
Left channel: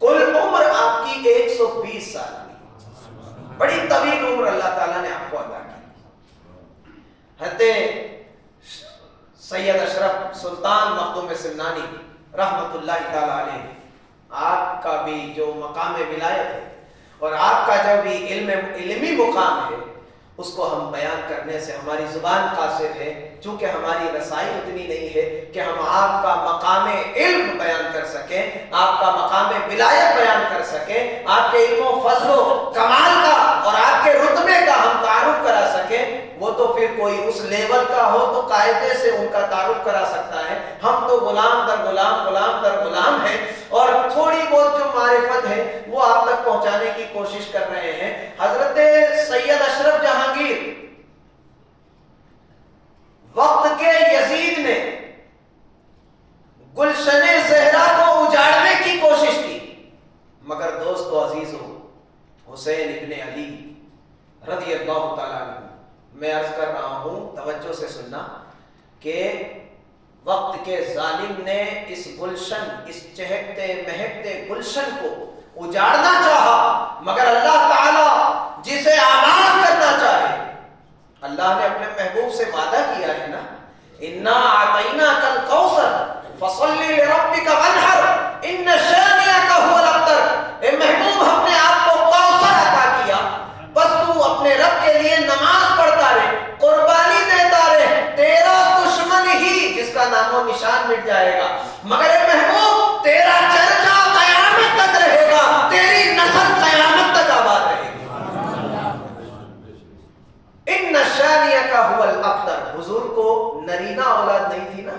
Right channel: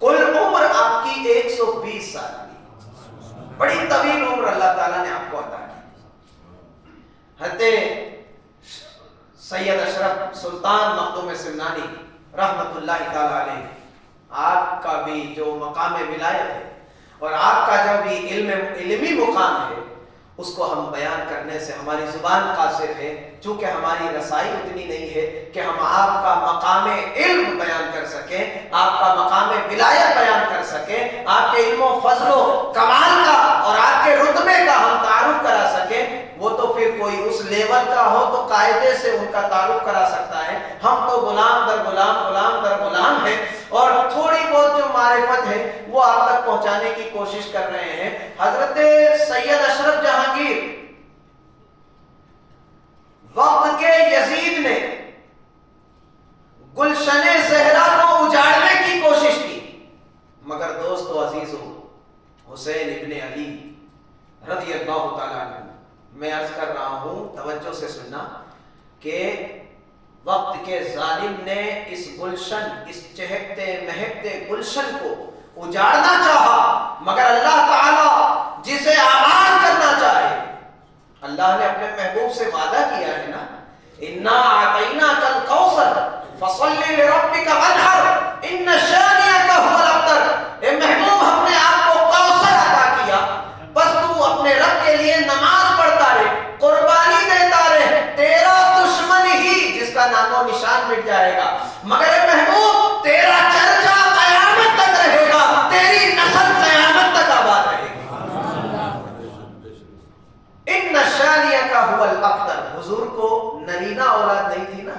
کل عمر آپ کی 120 سال کی، بڑی طویل عمر اللہ تعالیٰ نے آپ کو عطا کی۔ حضرت سید اشرف سلطان مخدوم سمنانی رحمت اللہ تعالیٰ علیہ، آپ کا بھی جو مقام ولایت ہے اور آپ کا جو بھی علمی مقام ہے، اس کو ہم بیان کرنے سے ہماری زبان قاصر ہے، چونکہ ہماری رسائی اتنی نہیں ہے کہ ہم آپ کا مقام علم بیان کر سکیں، آپ کا مقام ولایت بیان کر سکیں، آپ کے علم و فضل و کمال کا اور آپ کے رتبے کا ہم تعارف کرا سکیں۔ وہ تو پھر کوئی اس لیول کا ہو تو قاعدے سے ان کا تعارف کرا سکتا ہے، ہم تو غلام در غلام، غلام در غلام ہیں، اور تھوڑی بہت جو معرفت ہے وہ آپ تک پہنچانے کی کوشش کر رہے ہیں۔ حضرت سید اشرف جہانگیر، وقت کے یزید نے گلشن زہرا کو اجاڑنے کی کوشش کی، مگر دوست و عزیزو، حسین ابن علی رضی اللہ تعالیٰ عنہ، میں عرض کر رہا ہوں توجہ سے سننا، کہ وقت کے ظالم نے اس گلشن، اس چہکتے مہکتے گلشن کو اجاڑنا چاہا، مگر اللہ تعالیٰ جسے آباد کرنا چاہے، اللہ نے اپنے محبوب سے وعدہ کیا ہے نا، اِنَّا أَعْطَيْنَاكَ الْكَوْثَرَ فَصَلِّ لِرَبِّكَ وَانْحَرْ إِنَّ شَانِئَكَ هُوَ الْأَبْتَرُ۔ اے محبوب، ہم نے آپ کو کوثر عطا کیا، بس تو اپنے رب کے لیے نماز پڑھتا رہے، قربانی دیتا رہے، تیرا دشمن ہی جس کا نام و نشان مٹ جائے گا، مگر اے محبوب تیرا چرچا قیامت تک رہے گا، تیری نسل قیامت تک آباد رہے گی۔ ان شانیہ کا هو الابتر، حضور کو نرینہ اولاد نہیں تھی نا،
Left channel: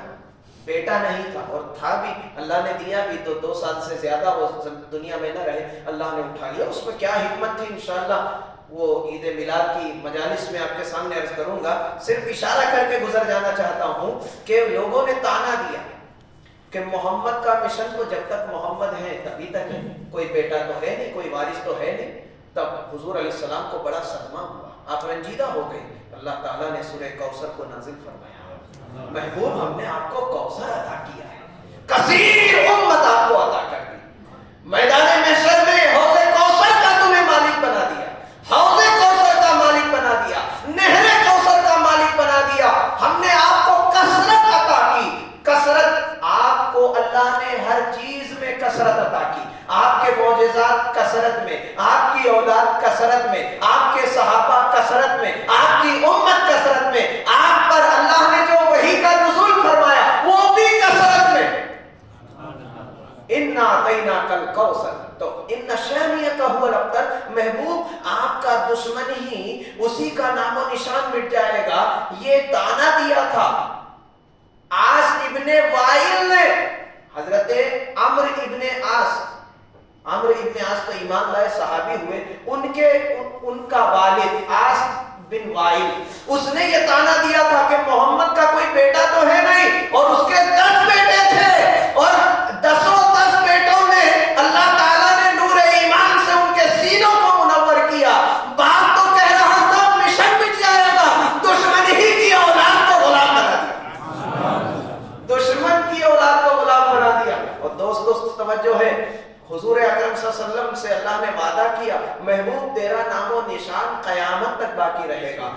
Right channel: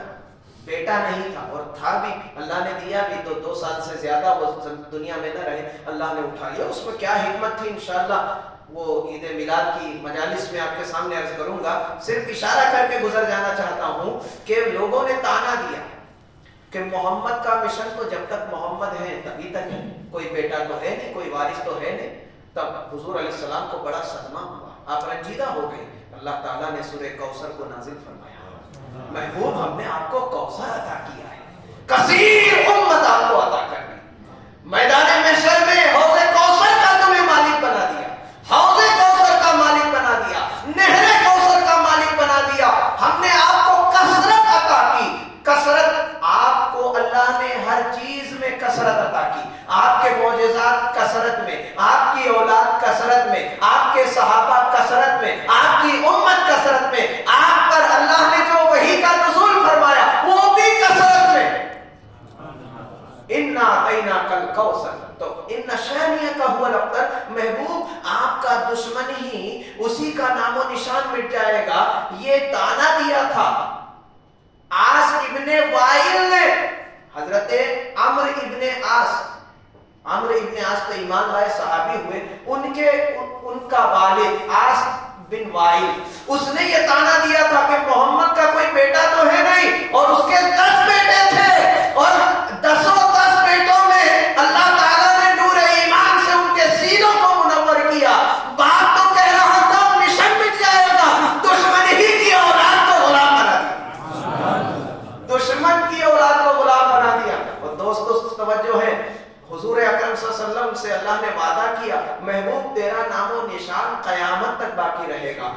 بیٹا نہیں تھا اور تھا بھی، اللہ نے دیا بھی تو 2 سال سے زیادہ وہ دنیا میں نہ رہے، اللہ نے اٹھا لیا. اس میں کیا حکمت تھی انشاءاللہ وہ عید میلاد کی مجالس میں آپ کے سامنے عرض کروں گا. صرف اشارہ کر کے گزر جانا چاہتا ہوں کہ لوگوں نے تانا دیا کہ محمد کا مشن تو جب تک محمد ہے تبھی تک ہے، کوئی بیٹا تو ہے نہیں، کوئی وارث تو ہے نہیں. تب حضور علیہ السلام کو بڑا صدمہ ہوا، آپ رنجیدہ ہو گئے. اللہ تعالیٰ نے سورہ کوثر کو نازل فرمایا، محبوب ہم نے آپ کو کوثر عطا کیا ہے، کثیر امت آپ کو عطا کر دی. میدان محشر میں حوض کوثر کا تمہیں مالک بنا دیا، حوض کوثر کا مالک بنا دیا، نہر کوثر کا مالک بنا دیا. ہم نے آپ کو کثرت عطا کی. کثرت آپ کو اللہ نے ہر چیز میں کثرت عطا کی. آپ کے معجزات کثرت میں، آپ کی اولاد کثرت میں، آپ کے صحابہ کثرت میں، آپ کی امت کثرت میں، آپ پر اللہ نے جو وحی کا نزول فرمایا وہ بھی کثرت میں. اِنَّا أَعْطَيْنَاكَ الْكَوْثَرَ. تو ان شانئک هو الابتر، محبوب آپ کا دشمن ہی اسی کا نام و نشان مٹ جائے گا. یہ تانا دیا تھا عاص ابن وائل نے، حضرت عمرو ابن عاص تو ایمان لائے صحابی ہوئے، ان کا والد عاص بن وائل، اس نے یہ تانا دیا تھا کہ محمد کا کوئی بیٹا تو ہے نہیں، اور اس کے 10 بیٹے تھے، اور 10 بیٹوں میں اللہ تعالیٰ نے نور ایمان سے ان کے سینوں کو منور کیا. باپ تو کہہ رہا تھا مشن مٹ جائے گا، دشمن ہی کی اولاد کو غلام بنا دیا، دشمن کی اولاد کو غلام بنا دیا. اور دوست توجہ ہے، حضور اکرم صلی اللہ علیہ وسلم سے اللہ نے وعدہ کیا، محبوب تیرا نام و نشان قیامت تک باقی رہے گا.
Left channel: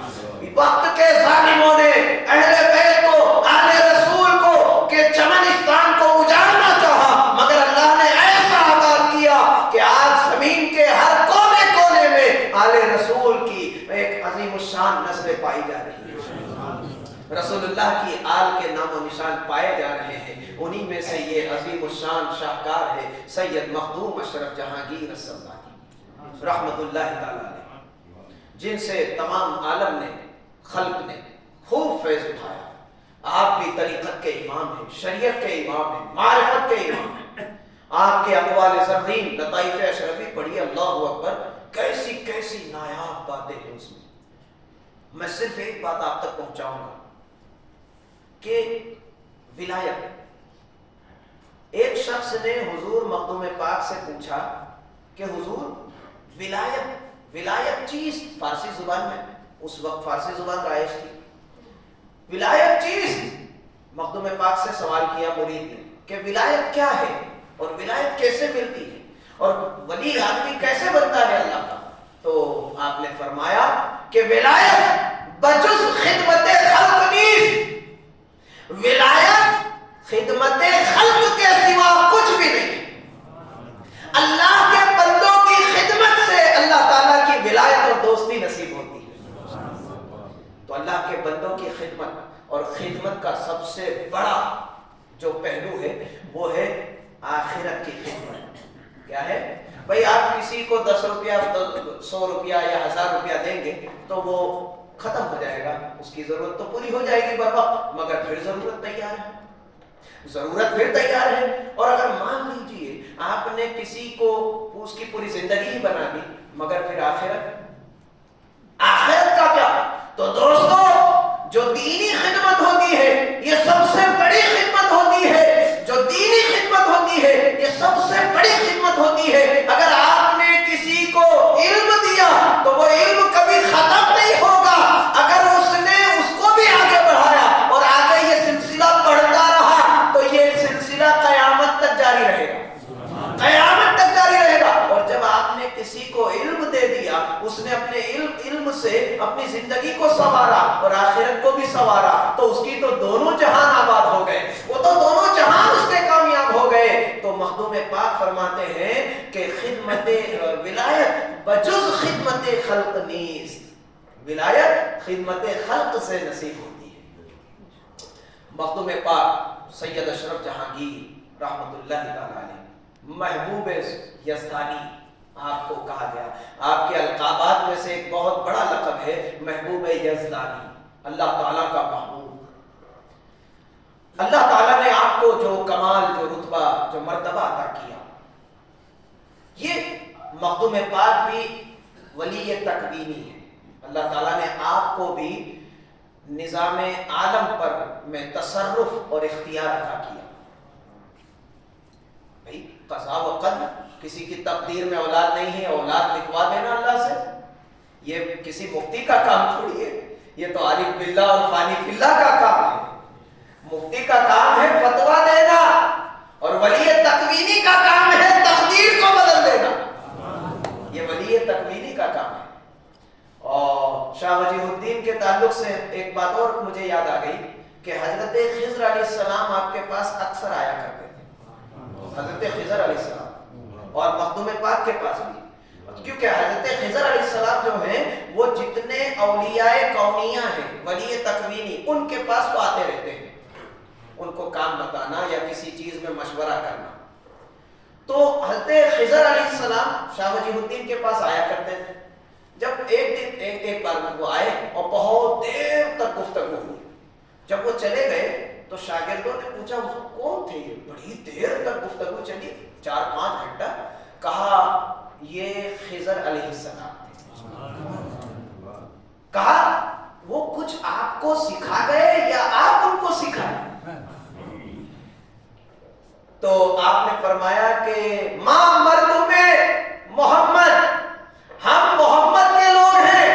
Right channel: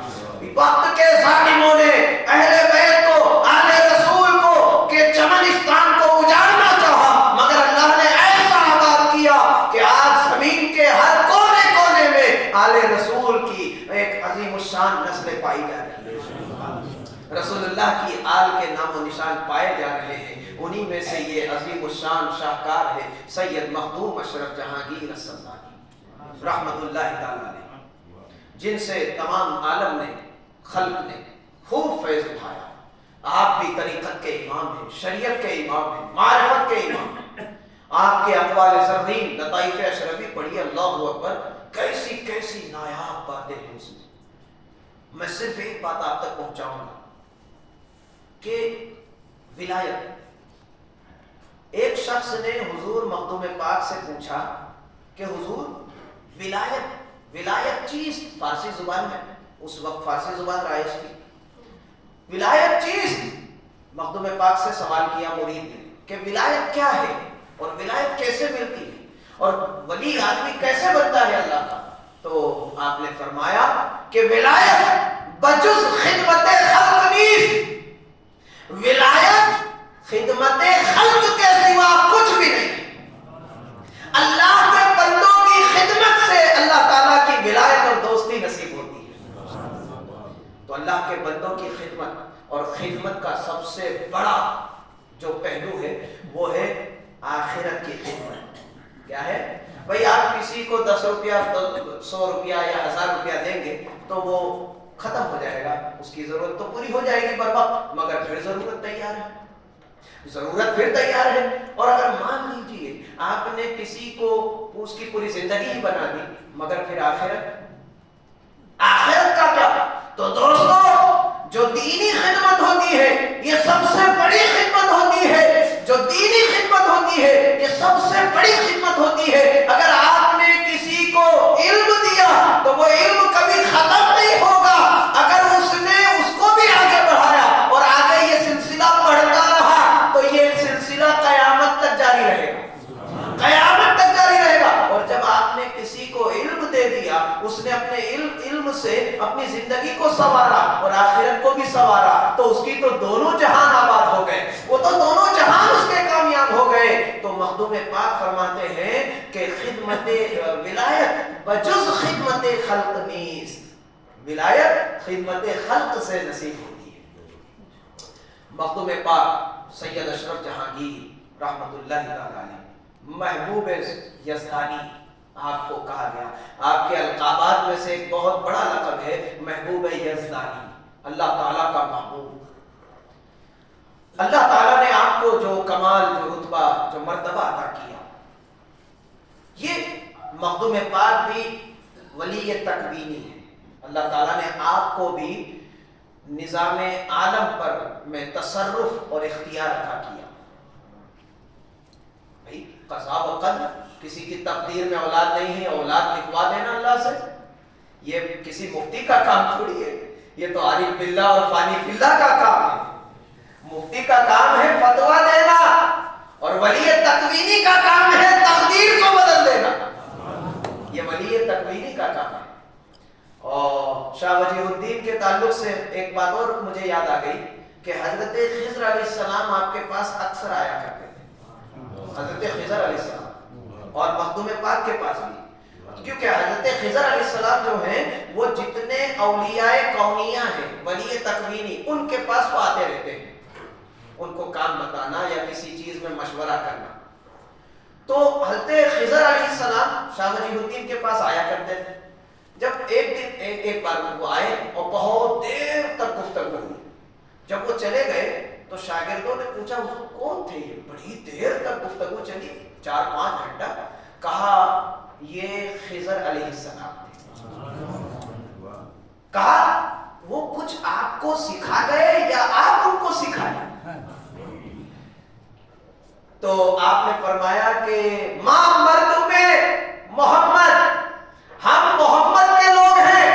وقت کے ظالموں نے اہل بیت کو، اہل رسول کو کہ چمنستان کو اجاڑنا چاہا، مگر اللہ نے ایسا آباد کیا کہ آج زمین کے ہر کونے کونے میں آل رسول کی ایک عظیم الشان نسلیں پائی جا رہی ہیں، رسول اللہ کی آل کے نام و نشان پائے جا رہے ہیں. انہی میں سے یہ عظیم الشان شاہکار ہے سید مخدوم اشرف جہانگیر السلطانی رحمت اللہ تعالی علیہ، جن سے تمام عالم نے، خلق نے خوب فیض اٹھایا. آپ بھی طریقت کے امام ہیں، شریعت کے امام ہیں، معرفت کے امام ہیں. آپ کے اقوال زرین، لطائف اشرفی پڑھیے، اللہ اکبر، کیسی کیسی نایاب باتیں ہیں اس میں. میں صرف ایک بات آپ تک پہنچاؤں گا کہ ولایت. ایک شخص نے حضور مخدوم پاک سے پوچھا کہ حضور ولایت چیز، فارسی زبان میں، اس وقت فارسی زبان رائج تھی، ولایت چیز. مخدوم پاک سے سوال کیا مرید نے کہ ولایت کیا ہے اور ولایت کیسے ملتی ہے اور ولی آدمی کیسے بنتا ہے اللہ کا. تو آپ نے فرمایا کہ ولایت بجز خدمت خلق نیست، ولایت خدمت خلق کے سوا کچھ بھی نہیں. اللہ کے بندوں کی خدمت سے اللہ تعالیٰ کی ولایت اور دوستی نصیب ہوتی ہے. تو اللہ کے بندوں کی خدمت، اور خدمت کا سب سے بڑا جو پہلو ہے وہ ہے آخرت کی خدمت. کیا ہے بھئی؟ آپ کسی کو 10 روپیہ 100 روپیہ یا 1000 روپیہ دیں گے تو وہ ختم ہو جائے گا، اس کی ضرورت تو پوری ہو جائے گی بر وقت، مگر پھر ضرورت تیار ہے، ضرورت پھر تیار ہے. اور اگر مان لیجئے آپ نے کسی کو اس کی پوری زندگی ہی بنا دی، مگر پھر آخرت کا کیا؟ تو دوستو، جو دینی خدمت ہوتی ہے یہ سب سے بڑی خدمت ہوتی ہے، جو دینی خدمت ہوتی ہے یہ سب سے بڑی خدمت ہوتی ہے. اگر آپ نے کسی کو علم دیا تو وہ علم کبھی ختم نہیں ہوگا. اگر اس نے اس کو بھی آگے بڑھایا اور آگے یہ سلسلہ بڑھتا رہا تو یہ سلسلہ قیامت تک جاری رہے گا، قیامت تک جاری رہے گا. اور جب آپ نے کسی کو علم دے دیا، اس نے اپنے علم سے اپنی زندگی کو سنوارا اور آخرت کو بھی سنوارا، تو اس کی تو دونوں جہان آباد ہو گئے، وہ تو دونوں جہان اس کے کامیاب ہو گئے. تو مخدوم پاک فرماتے ہیں کہ خدمت ولایت بجز خدمت خلق نیست، ولایت خدمت خلق سے نصیب ہوتی ہے. مخدوم پاک سید اشرف جہانگیر رحمت اللہ تعالی علیہ، محبوب یزدانی آپ کو کہا گیا. آپ کے القابات میں سے ایک بہت بڑا لقب ہے محبوب یزدانی، اللہ تعالیٰ کا محبوب. اللہ تعالیٰ نے آپ کو جو کمال، جو رتبہ، جو مرتبہ عطا کیا، یہ مخدوم پاک بھی ولی تکوینی ہے۔ اللہ تعالیٰ نے آپ کو بھی نظام عالم پر میں تصرف اور اختیار عطا کیا۔ بھائی قضاء و قدر، کسی کی تقدیر میں اولاد نہیں ہے، اولاد لکھوا دینا اللہ سے، یہ کسی مفتی کا کام تھوڑی ہے، یہ تو عارف باللہ اور فانی باللہ کا کام ہے۔ مفتی کا کام ہے فتویٰ دینا، اور ولی تکوینی کا کام ہے تقدیر کو بدل دینا، یہ ولی تکوینی کا کام ہے۔ اور شاہ وجیہ الدین کے تعلق سے ایک بات اور مجھے یاد آ گئی کہ حضرت خضر علیہ السلام آپ کے پاس اکثر آیا کرتے تھے، حضرت خضر علیہ السلام، اور مخدوم پاک کے پاس بھی، کیونکہ حضرت خضر علیہ السلام جو ہیں وہ جتنے اولیاء کونیہ ہیں ولی تکوینی، ان کے پاس وہ آتے رہتے ہیں، ان کو کام بتانا یا کسی چیز میں مشورہ کرنا۔ تو حضرت خضر علیہ السلام شاہ وجیہ الدین کے پاس آیا کرتے تھے۔ جب ایک بار وہ آئے اور بہت دیر تک گفتگو ہوئی، جب وہ چلے گئے تو شاگردوں نے پوچھا حضور کون تھے یہ، بڑی دیر تک گفتگو چلی، 4-5 گھنٹہ؟ کہا یہ خضر علیہ السلام تھے۔ کہا وہ کچھ آپ کو سکھا گئے یا آپ ان کو سکھائے؟ تو آپ نے فرمایا کہ ماں مردوں میں محمد، ہم محمد کے لوگ ہیں،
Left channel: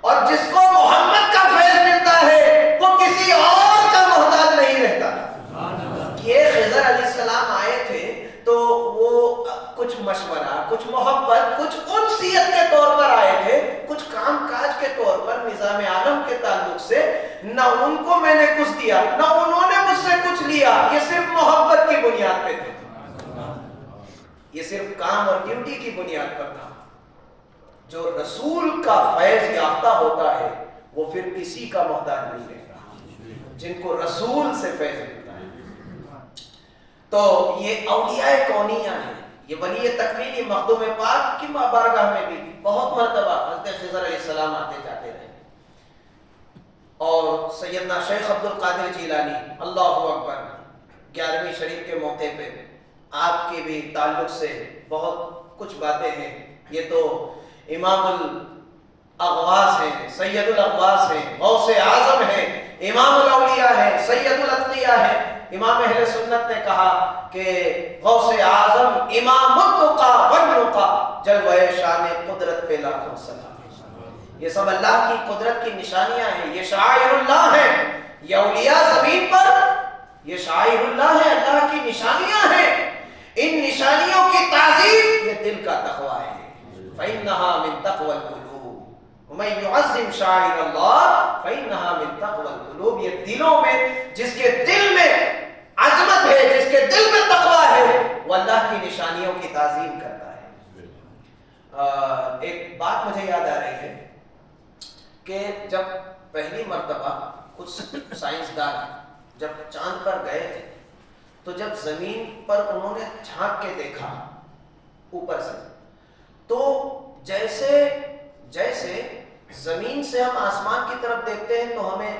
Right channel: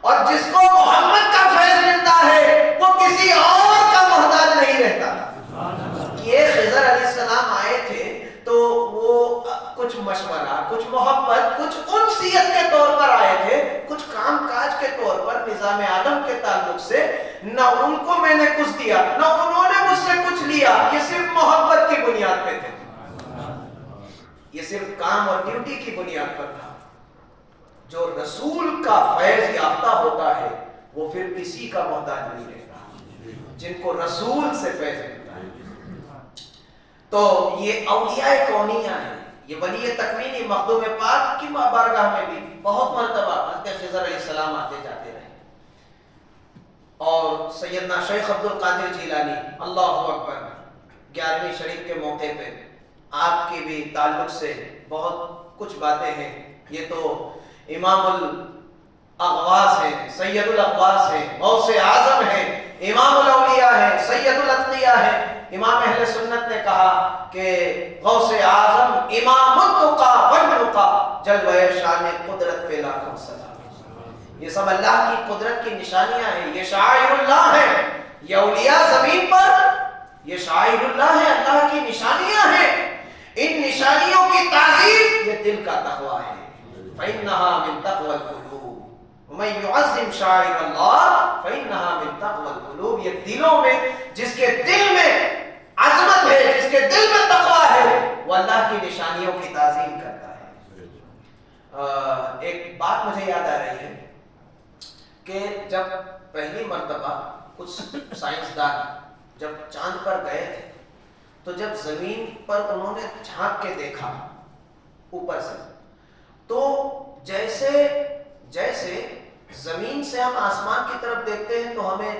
اور جس کو محمد کا فیض ملتا ہے وہ کسی اور کا محتاج نہیں رہتا۔ یہ خضر علیہ السلام آئے تھے تو وہ کچھ مشورہ، کچھ محبت، کچھ انسیت کے طور پر آئے تھے، کچھ کام کاج کے طور پر نظام عالم کے تعلق سے نہ ان کو میں نے کچھ دیا نہ انہوں نے مجھ سے کچھ لیا، یہ صرف محبت کی بنیاد پہ تھے، یہ صرف کام اور ڈیوٹی کی بنیاد پر تھا۔ جو رسول کا فیض یافتہ ہوتا ہے وہ پھر کسی کا محتاج نہیں رہتا، جن کو رسول سے فیض ملتا ہے۔ تو یہ اولیاء کونیہ ہیں، یہ ولی تکوینی مخدوم پاک کی بارگاہ میں بھی بہت مرتبہ حضرت خضر علیہ السلام آتے جاتے رہے۔ اور سیدنا شیخ عبد القادر جیلانی اللہ اکبر 11ویں شریف کے موقع پہ آپ کے بھی تعلق سے بہت کچھ باتیں ہیں۔ یہ تو امام الاغواس ہیں، سید الاغواس ہیں، غوث اعظم ہیں، امام الاولیاء ہیں، سید الاتقیاء ہیں۔ امام اہل سنت نے کہا کہ غوث اعظم امام التقیٰ والنقیٰ، جلوہ شان قدرت پہ لاکھوں سلام۔ یہ سب اللہ کی قدرت کی نشانیاں ہیں، یہ شعائر اللہ ہیں، یہ اولیاء زمین پر یہ شعائر اللہ ہیں، اللہ کی نشانیاں ہیں۔ ان نشانیوں کی تعظیم یہ دل کا تقویٰ ہے، فإنها من تقوى القلوب ومن يعظم شعائر اللہ فإنها من تقوى القلوب۔ یہ دلوں میں، جس کے دل میں عظمت ہے، جس کے دل میں تقویٰ ہے، وہ اللہ کی نشانیوں کی تعظیم کرتا ہے۔ ایک بات مجھے یاد آ رہی ہے کہ جب پہلی مرتبہ کچھ سائنسدان جب چاند پر گئے تھے تو جب زمین پر انہوں نے جھانک کے دیکھا اوپر سے، تو جیسے زمین سے ہم آسمان کی طرف دیکھتے ہیں تو ہمیں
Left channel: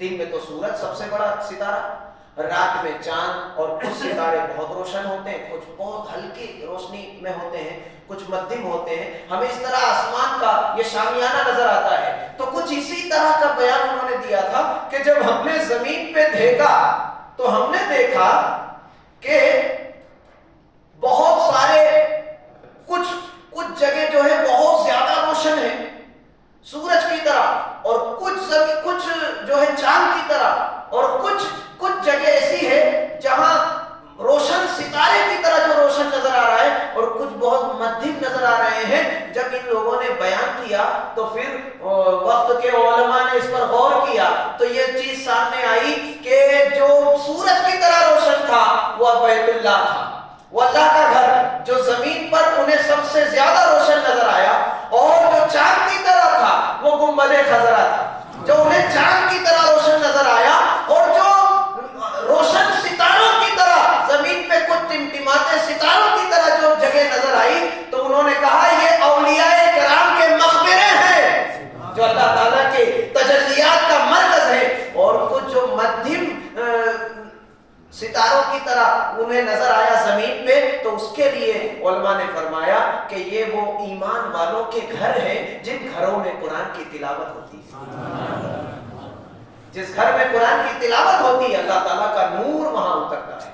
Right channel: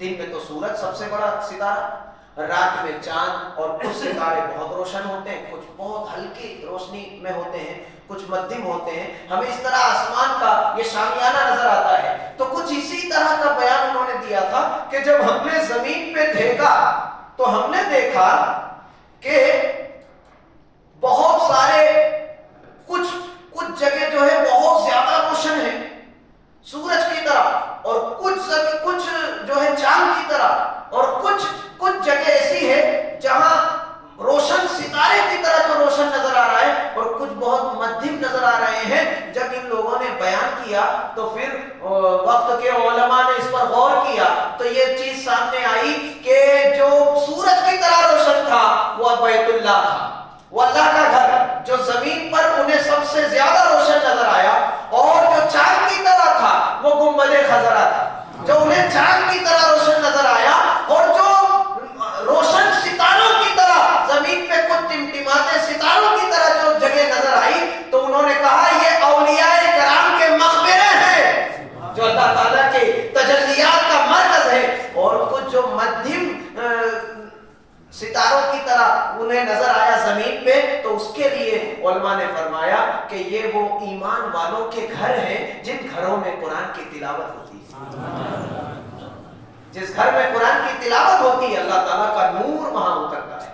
دن میں تو سورج سب سے بڑا ستارہ، رات میں چاند، اور کچھ ستارے بہت روشن ہوتے ہیں، کچھ بہت ہلکی روشنی میں ہوتے ہیں، کچھ مدھم ہوتے ہیں، ہمیں اس طرح آسمان کا یہ شامیانہ نظر آتا ہے۔ تو کچھ اسی طرح کا بیان انہوں نے دیا تھا کہ جب ہم نے زمین پہ دیکھا تو ہم نے دیکھا کہ بہت سارے کچھ جگہ جو ہے بہت زیادہ روشن ہے سورج کی طرح، اور کچھ جو ہے چاند کی طرح، اور کچھ جگہ ایسی ہے جہاں روشن ستارے کی طرح جو روشن نظر آ رہا ہے، اور کچھ بہت مدھم نظر آ رہے ہیں۔ جب ان لوگوں نے بیان کیا تو پھر وقت کے علماء نے اس پر غور کیا تو یہ چیز سامنے آئی کہ جو سورج کی طرح روشن تھا وہ بیت اللہ تھا، وہ اللہ کا گھر، جو زمین پر انہیں سب سے زیادہ روشن نظر آیا، اور جو چاند کی طرح تھا وہ گنبد خضرا تھا، جو انہیں چاند کی طرح روشن نظر آیا، اور جو روشن ستاروں کی طرح زمین پہ کچھ ٹمٹماتے ستاروں کی طرح جو جگہ نظر آئی، تو انہوں نے کہا یہ اولیاء کرام کے مقبرے ہیں جو اللہ تعالیٰ کے تجلیات کا مرکز ہے۔ اور کچھ جو مدھم ستاروں کی طرح انہیں نظر آیا زمین پہ، تو اس کے لیے علماء نے فرمایا کہ یہ وہ ایمان والوں کے گھر ہیں جن گھروں میں قرآن کی تلاوت ہوتی ہے۔ جس گھر میں قرآن کی تلاوت ہوتی ہے اللہ تعالیٰ کا نور وہاں اترتا ہے۔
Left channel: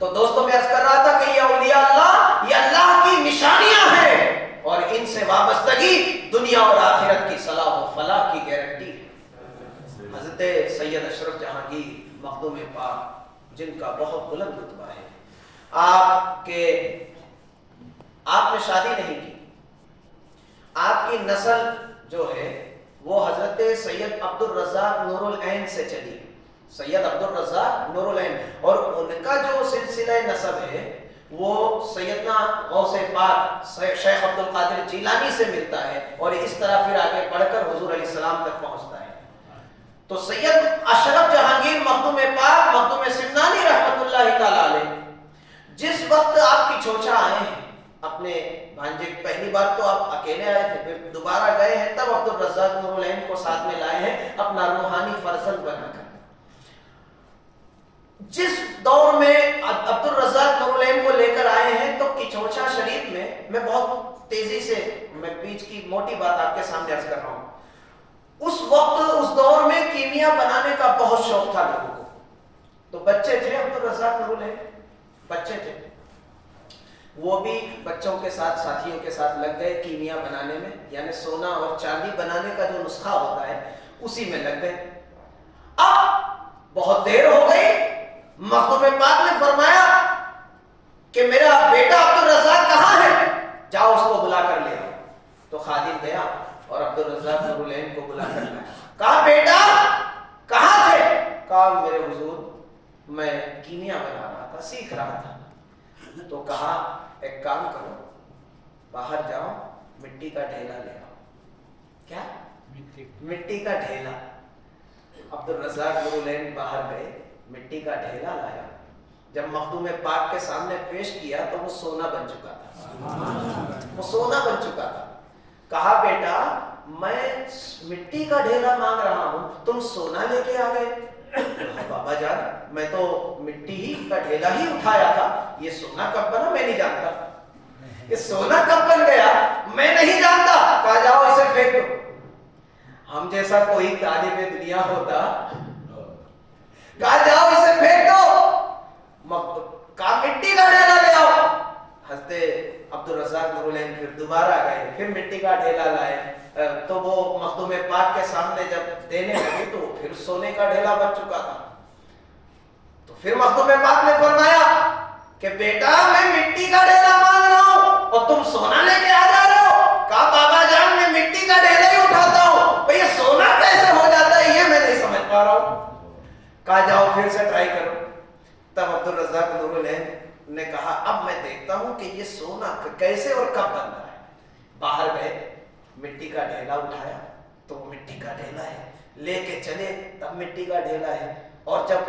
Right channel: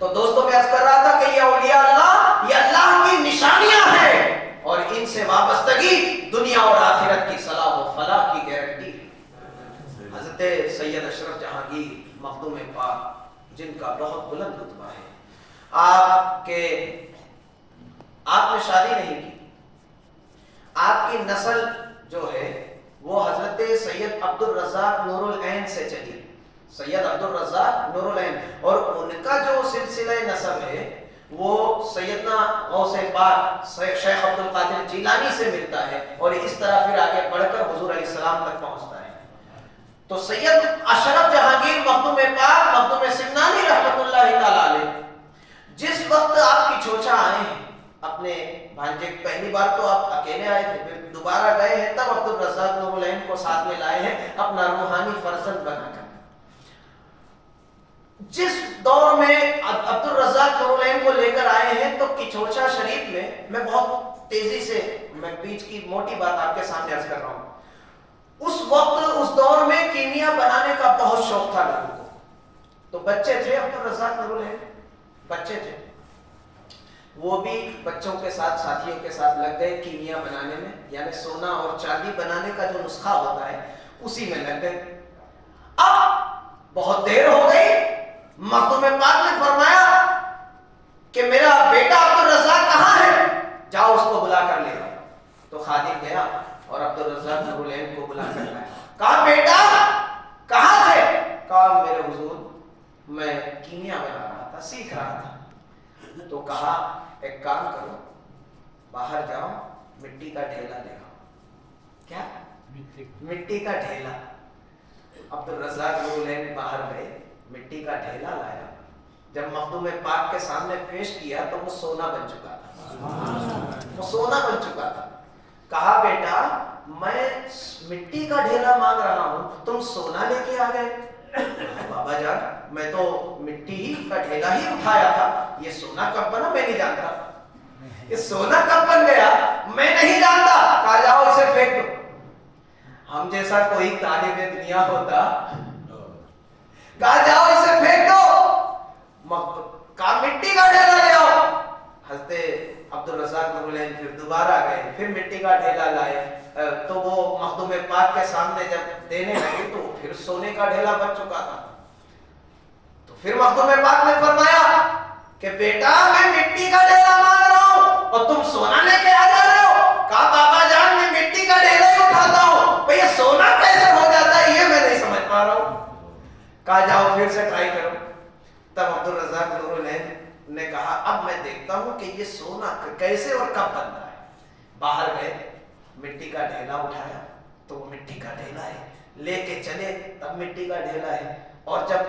تو دوستوں میں عرض کر رہا تھا کہ یہ اولیاء اللہ، یہ اللہ کی نشانیاں ہیں، اور ان سے وابستگی دنیا اور آخرت کی صلاح و فلاح کی گارنٹی ہے۔ حضرت سید اشرف جہانگیر مخدوم پاک، جن کا بہت بلند رتبہ ہے، آپ نے شادی نہیں کی، آپ کی نسل جو ہے وہ حضرت سید عبد الرزاق نور العین سے چلی، سید عبد الرزاق نور العین، اور ان کا جو سلسلہ نسب ہے وہ سیدنا غوث پاک شیخ عبد القادر جیلانی سے ملتا ہے، اور اس طرح پھر آگے بڑھ کر حضور علیہ السلام تک پہنچتا ہے۔ تو سید اشرف جہانگیر مخدوم پاک، مخدوم سمنانی رحمت اللہ تعالی علیہ، جس وقت آپ کی چھوچا آئے ہیں اپنے بھانجے، پہلی بار تو آپ اکیلے آئے تھے، پھر دوبارہ گئے ہیں، تب عبد الرزاق نور العین کو ساتھ میں لائے ہیں اپنا روحانی فرزند بنا کر۔ جس دور میں عبد الرزاق نور العین کو لے کر آئے ہیں تو کچھوچا شریف میں بہت تیزی سے میں بیچ کی موٹی بات آپ کے سامنے عرض کر رہا ہوں، اس وقت اس دور میں کیمیا بنانے کا بہت شوق تھا لوگوں کو، تو بچے تھے عبد الرزاق نور العین، بچے تھے، وہ بھی بچوں کے ساتھ، ساتھیوں کے ساتھ لگ گئے کیمیا بنانے میں، یعنی سونا اور چاندی بنانے کا جو نسخہ ہوتا ہے اسی میں لگ گئے۔ اب بہت دیر ہو گئی، مخدوم پاک نے فرمایا کہ میرا بیٹا عبد الرزاق کہاں ہے، جاؤ اس کو بلا کر لے آؤ۔ تو خادم گیا اور عبد الرزاق نور العین کو بلا کر لایا، کہا بیٹا کہاں تھے؟ کہا میرے حضور میں کیمیا بنا رہا تھا، سیکھ رہا تھا۔ تو کہا ایک کام کرو، باہر جاؤ مٹی کا ڈھیلا لے آؤ۔ کیا؟ مٹی کا ڈھیلا۔ عبد الرزاق نور العین باہر گئے، مٹی کا ڈھیلا لایا، جب مخدوم پاک کے سامنے پیش کیا تو وہ سونا بن چکا تھا، وہ سونا بن چکا تھا۔ کہا بیٹا میں مٹی کا ڈھیلا مانگ رہا ہوں، تم سونا لے کے آ گئے؟ بابا جان میں تو مٹی ہی کا ڈھیلا ہی اٹھایا تھا، یہ سونا کب بنا میں نہیں جانتا، یہ سونا کب بن گیا میں نہیں جانتا۔ کہا جاؤ اسے پھینک دو۔ ہم جیسا کوئی طالب دنیا ہوتا، کہا جاؤ اسے پھینک دو، کہا مٹی کا ڈھیلا لے آؤ۔ حضرت عبد الرزاق نور العین پھر دوبارہ گئے، پھر مٹی کا ڈھیلا لائے، تو وہ مخدوم پاک کے سامنے جب دینے لگے تو پھر سونے کا ڈھیلا بن چکا تھا۔ تو پھر مخدوم پاک نے فرمایا کہ بیٹا میں مٹی کا ڈھیلا مانگ رہا ہوں اور تم سونا لے کے آ جا رہے ہو۔ کہا بابا جان میں مٹی کا ڈھیلا ہی اٹھاتا ہوں، بھئی یہ سونا کیسے ہو جاتا ہے یہ میں نہیں سمجھ پا رہا ہوں۔ کہا جاؤ پھر سے ٹرائی کرو۔ تب عبد الرزاق نور العین نے کہا اب میں دیکھتا ہوں کہ یہ سونا کیسے اور کب بنتا ہے۔ باہر گئے، مٹی کا ڈھیلا اٹھایا تو وہ مٹی کا ڈھیلا ہے، لے کے چلے تب مٹی کا ڈھیلا ہے، اور جب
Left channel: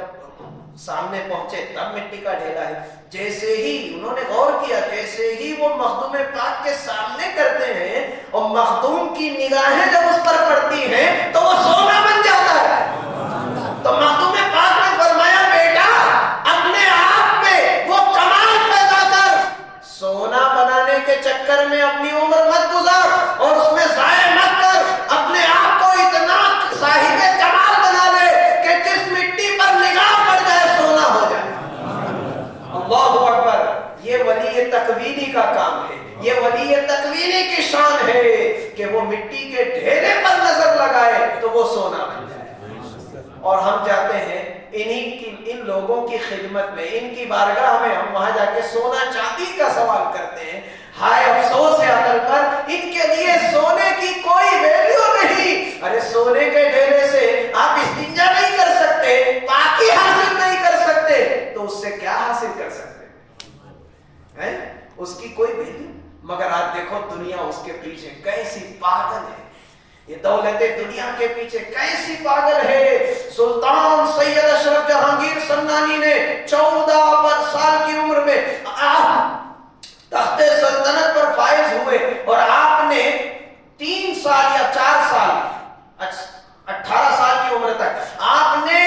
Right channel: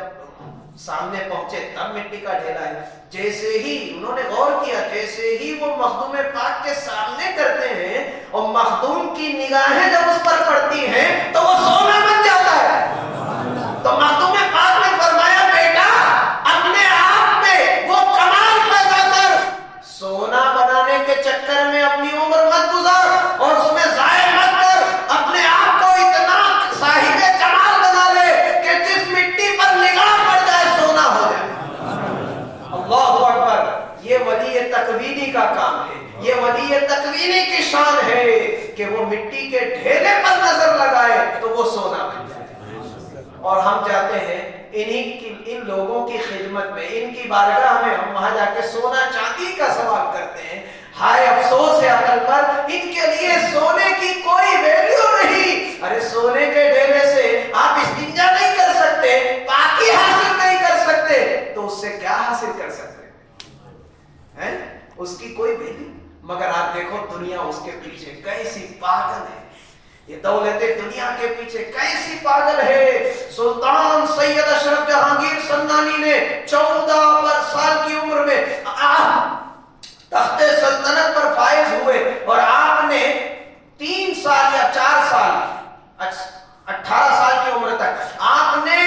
سامنے پہنچے تب مٹی کا ڈھیلا ہے۔ جیسے ہی انہوں نے غور کیا، جیسے ہی وہ مخدوم پاک کے سامنے کرتے ہیں اور مخدوم کی نگاہیں جب اس پر پڑتی ہیں تو وہ سونا بن جاتا ہے۔ تو مخدوم پاک نے فرمایا بیٹا اپنے آپ پہ وہ کمال پیدا کر، سونا بنانے کے چکر میں اپنی عمر مت گزار اور اس میں ضائع مت کر، اپنے آپ کو اتنا صاحب کمال بنا لے کہ جس مٹی پر نگاہ پڑ جائے سونا ہو جائے۔ اللہ اکبر، یہ ولی تکوینی کا کام ہے، یہ ولی تکوینی کی شان ہے کہ وہ مٹی کے ڈھیلے پر نظر لگائے تو وہ سونا بن جائے۔ اور ہم جاتے ہیں ان لوگوں کی خدمت میں، ان کی بارگاہ میں، ہم وہاں جا کے سونا چاندی کا سوال کرتے ہیں۔ ہائے افسوس ہے عقل پر، ان کے لیے سونے کی کوئی ویلیو نہیں۔ ارے سونے کے ڈھیلے سے آپ استنجا نہیں کر سکتے، پاکی حاصل نہیں کر سکتے، تو اس سے کیا حاصل کر سکتے ہیں؟ اس کی کوئی ویلیو۔ مگر آپ دیکھو دنیا اس کے پیچھے کیسی پاگل ہے، یہ دولت دنیا کے پیچھے کیسی پاگل ہے۔ سلطان سید اشرف جہانگیر سمنانی نے 14 سال کی عمر میں تخت سلطنت پر فائز ہوئے، اور آپ نے 3 سال یا 4 سال 18 سال کی عمر تک آپ نے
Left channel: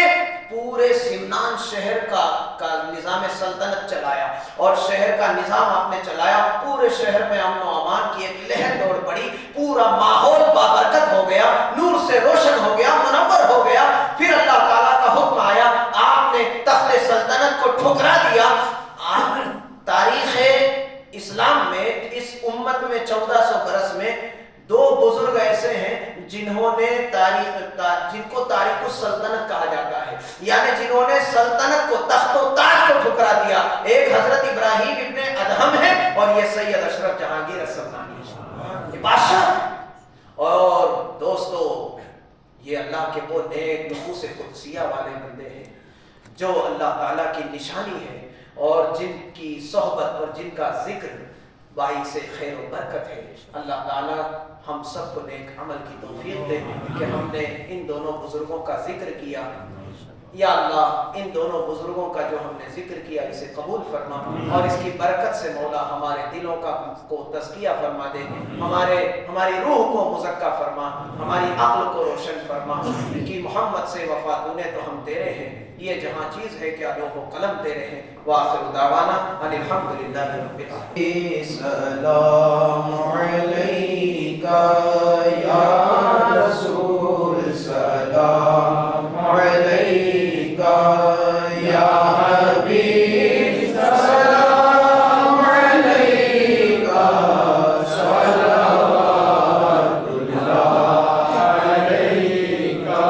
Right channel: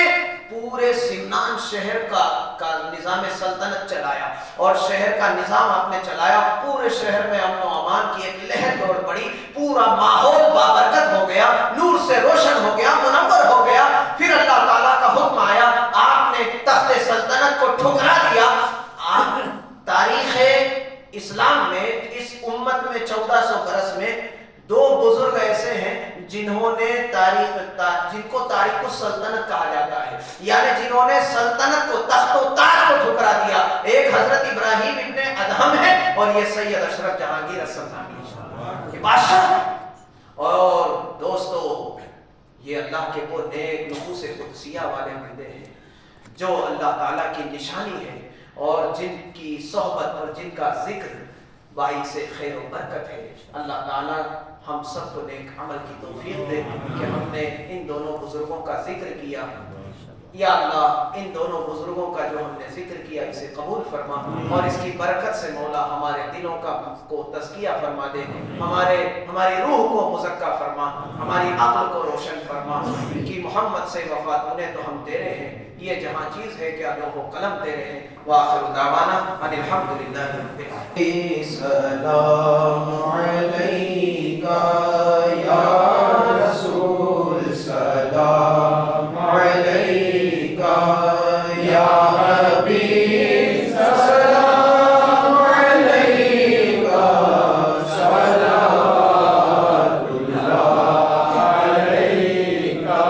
پورے سمنان شہر اور شہر کا نظام آپ نے چلایا، پورے شہر میں امن و امان کی ایک لہر دوڑ پڑی، پورا ماحول بابرکت ہو گیا، نور سے روشن ہو گیا، منور ہو گیا۔ پھر اللہ تعالیٰ کا حکم آیا، آپ نے تخت سلطنت کو ٹھکرا دیا۔ تاریخ اسلام میں اس امت میں 1400 برس میں دو بزرگ ایسے ہیں جنہوں نے جن کو تاریخ السلطنت کہا جاتا ہے، یعنی جنہوں نے سلطنت کو، تخت و تاج کو ٹھکرا دیا۔ ایک حضرت ابراہیم ابن ادہم ہے اور یہ سید اشرف جہانگیر السلطانی بادشاہ۔ اور دوستو یہ اللہ کے وہ نیک نفوس قدسیہ والے بندے ہیں جو اللہ تعالیٰ کی نشانی ہے اور جن کی صحبت اور جن کا ذکر باعث خیر و برکت ہے۔ اللہ تعالیٰ ہم سب کو نیک عمل کی توفیق دے کہ ہم نے ان دونوں بزرگوں کا ذکر کیا۔ یا اللہ ان دونوں بزرگوں کا جو ہم نے ذکر کیا اسے قبول فرما اور اس کی برکت سے مولا ہمارے دلوں کو تزکیہ فرما دے، ہماری روح کو مزکہ فرما، ہماری عقل کو روشن فرما، کہ محمد سے وفا تو نے تو ہم تیرے ہیں، یہ جہاں چیز ہے کیا لوح و قلم تیرے ہیں۔ وآخر دعوانا ان الحمدللہ رب العالمین۔ السلام علیکہ یا رسول، سلام علیکہ یا حبیب، سلام علیکہ، صلوات اللہ علیکہ۔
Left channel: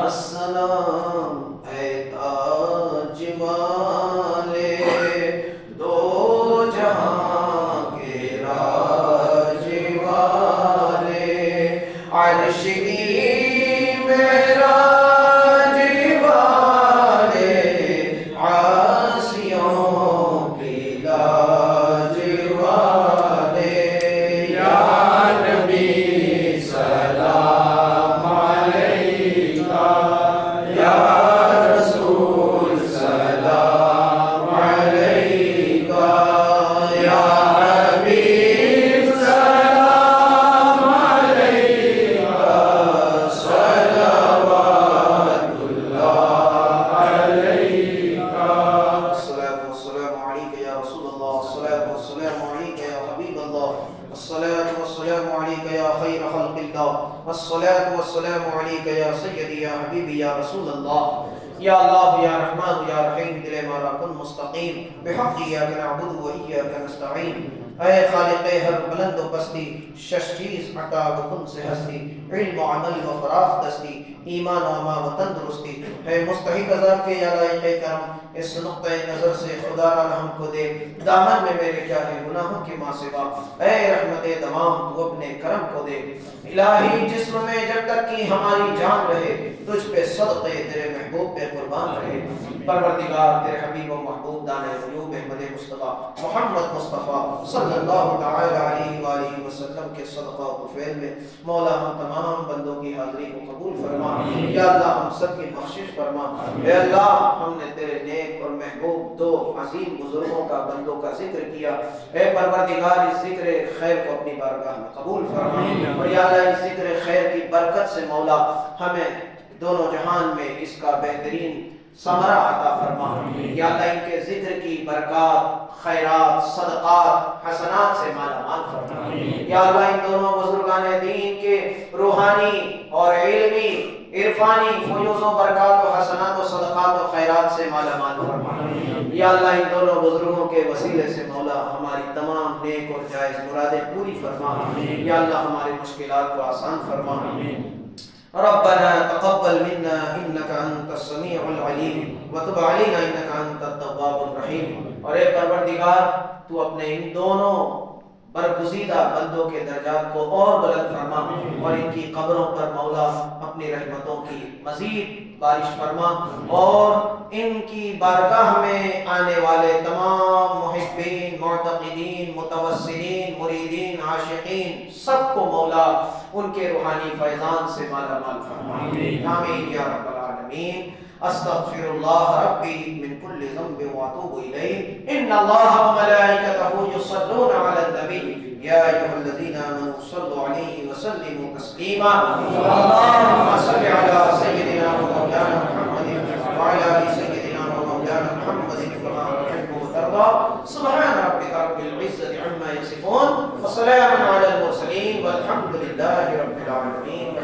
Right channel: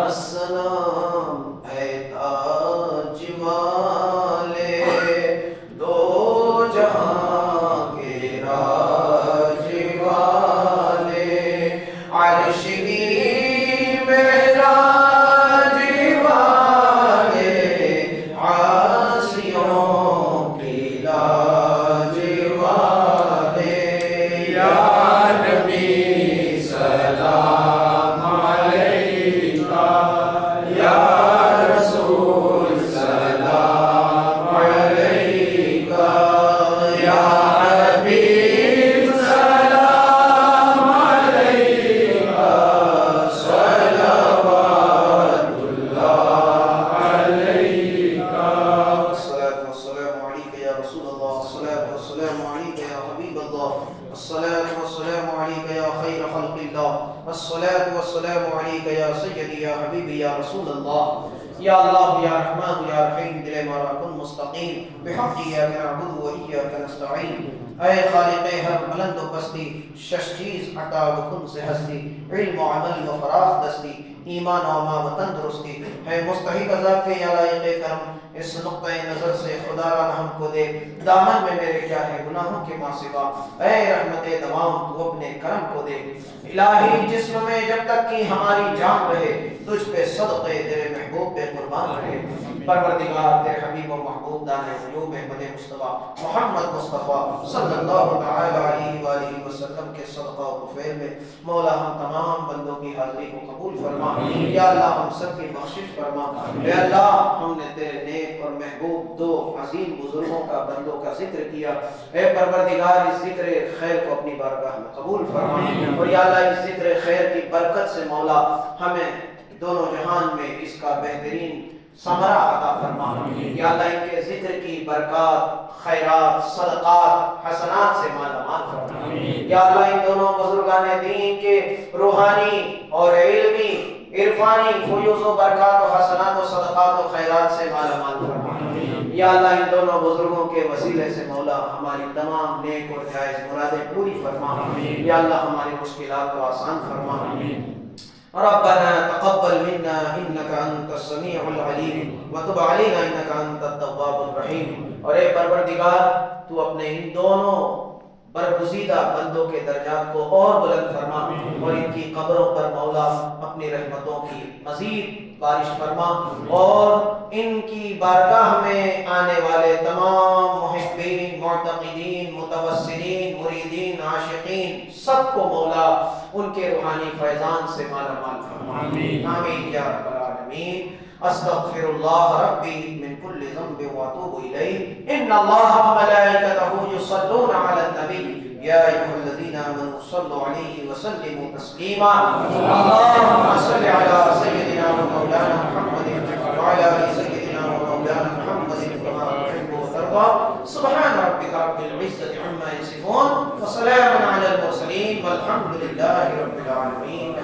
السلام اے تاج والے دو جہاں کے راج والے، عرش کی معراج والے، عاصیوں کی لاج والے، یا نبی سلام علیکہ، یا رسول سلام علیکہ، یا حبیب سلام علیکہ، صلوات اللہ علیکہ۔ الصلاة والسلام علیکہ یا رسول اللہ، الصلاة والسلام علیکہ یا حبیب اللہ، الصلاة والسلام علیکہ یا خیر خلق اللہ، الصلاة والسلام علیکہ یا سیدی یا حبیبی یا رسول اللہ۔ یا اللہ یا رحمان یا رحیم، دل مارا کن مستقیم، بحق ایاک نعبد و ایاک نستعین۔ اے خالق ہر بلند و پستی، شش چیز عطا بکن سے ہستی، علم و عمل و فراخ دستی، ایمان و اما و تندرستی، اے مستحق ذات کے یا لائق کرم، اس نقطۂ نظر سے خدا را ہم کو دے، دامن میں میرے کیا ہے گناہوں کے ماں سوا، اے رحمت دوام تو اپنے کرم کو دے۔ الہی جسم میں جب تک کہ ہماری جان رہے، تجھ پہ صدقے تیرے محبوب پہ قربان رہے۔ پروردگار تیرے حبیب و محبوب دانے غیوب احمد مصطفیٰ محمد مصطفیٰ صلی اللہ تعالی علیہ وآلہ وسلم کے صدقہ و طفیل میں مولا ہم تمام بندوں کی حاضری کو قبول فرما۔ یا اللہ ہم سب کی بخشش فرما۔ اے اللہ ہم نے تیرے نیک اور محبوب دو عظیم بزرگوں کا بندوں کا ذکر کیا، اے پروردگار اس ذکر خیر کو اپنی بارگاہ میں قبول فرما، اور یا اللہ اس ذکر خیر کی برکت سے مولا ہمیں دونوں جہان میں اس کا بہترین ثمرہ عطا فرما۔ یا اللہ ان کے ذکر کی برکات، خیرات، صدقات، حسنات سے مالا مال فرما۔ یا اللہ ان دونوں بزرگان دین کے روحانی اور علمی عرفانی فیوز و برکات و حسنات و صدقات و خیرات سے مالا مال فرما۔ یا اللہ ان دونوں بزرگوں کے وسیلے سے مولا ہماری تمام نیک اور جائز مرادیں پوری فرما۔ یا اللہ ہماری مشکلات کو آسان فرما۔ ربنا تقبل منا انك انت السميع العليم وتب علينا انك انت التواب الرحيم۔ اور اے پروردگار تو اپنے ان دونوں برگزیدہ بندوں کے درجات کو اور بلند فرما اور ان کی قبروں پر مولا اپنی رحمتوں کی مزید بارش فرما، اور ان کی بارگاہ میں آنے والے تمام محبین، معتقدین، متوسلین، مریدین، عاشقین سب کو مولا ان کے روحانی فیضان سے مالا مال فرما۔ آمین یا رب العالمین۔ استغفر اللہ ربی من کل ذنب واتوب الیہ، ان اللہ وملائکتہ یصلون علی النبی یا ایھا الذین آمنوا صلوا علیہ وسلموا تسلیما۔ اللهم صل علی سیدنا و مولانا محمد وعلی آل سیدنا و مولانا محمد کما تحب وترضى۔ يرضى. سبحان ربك رب العزة عما يصفون وسلام على المرسلين والحمد لله رب العالمين.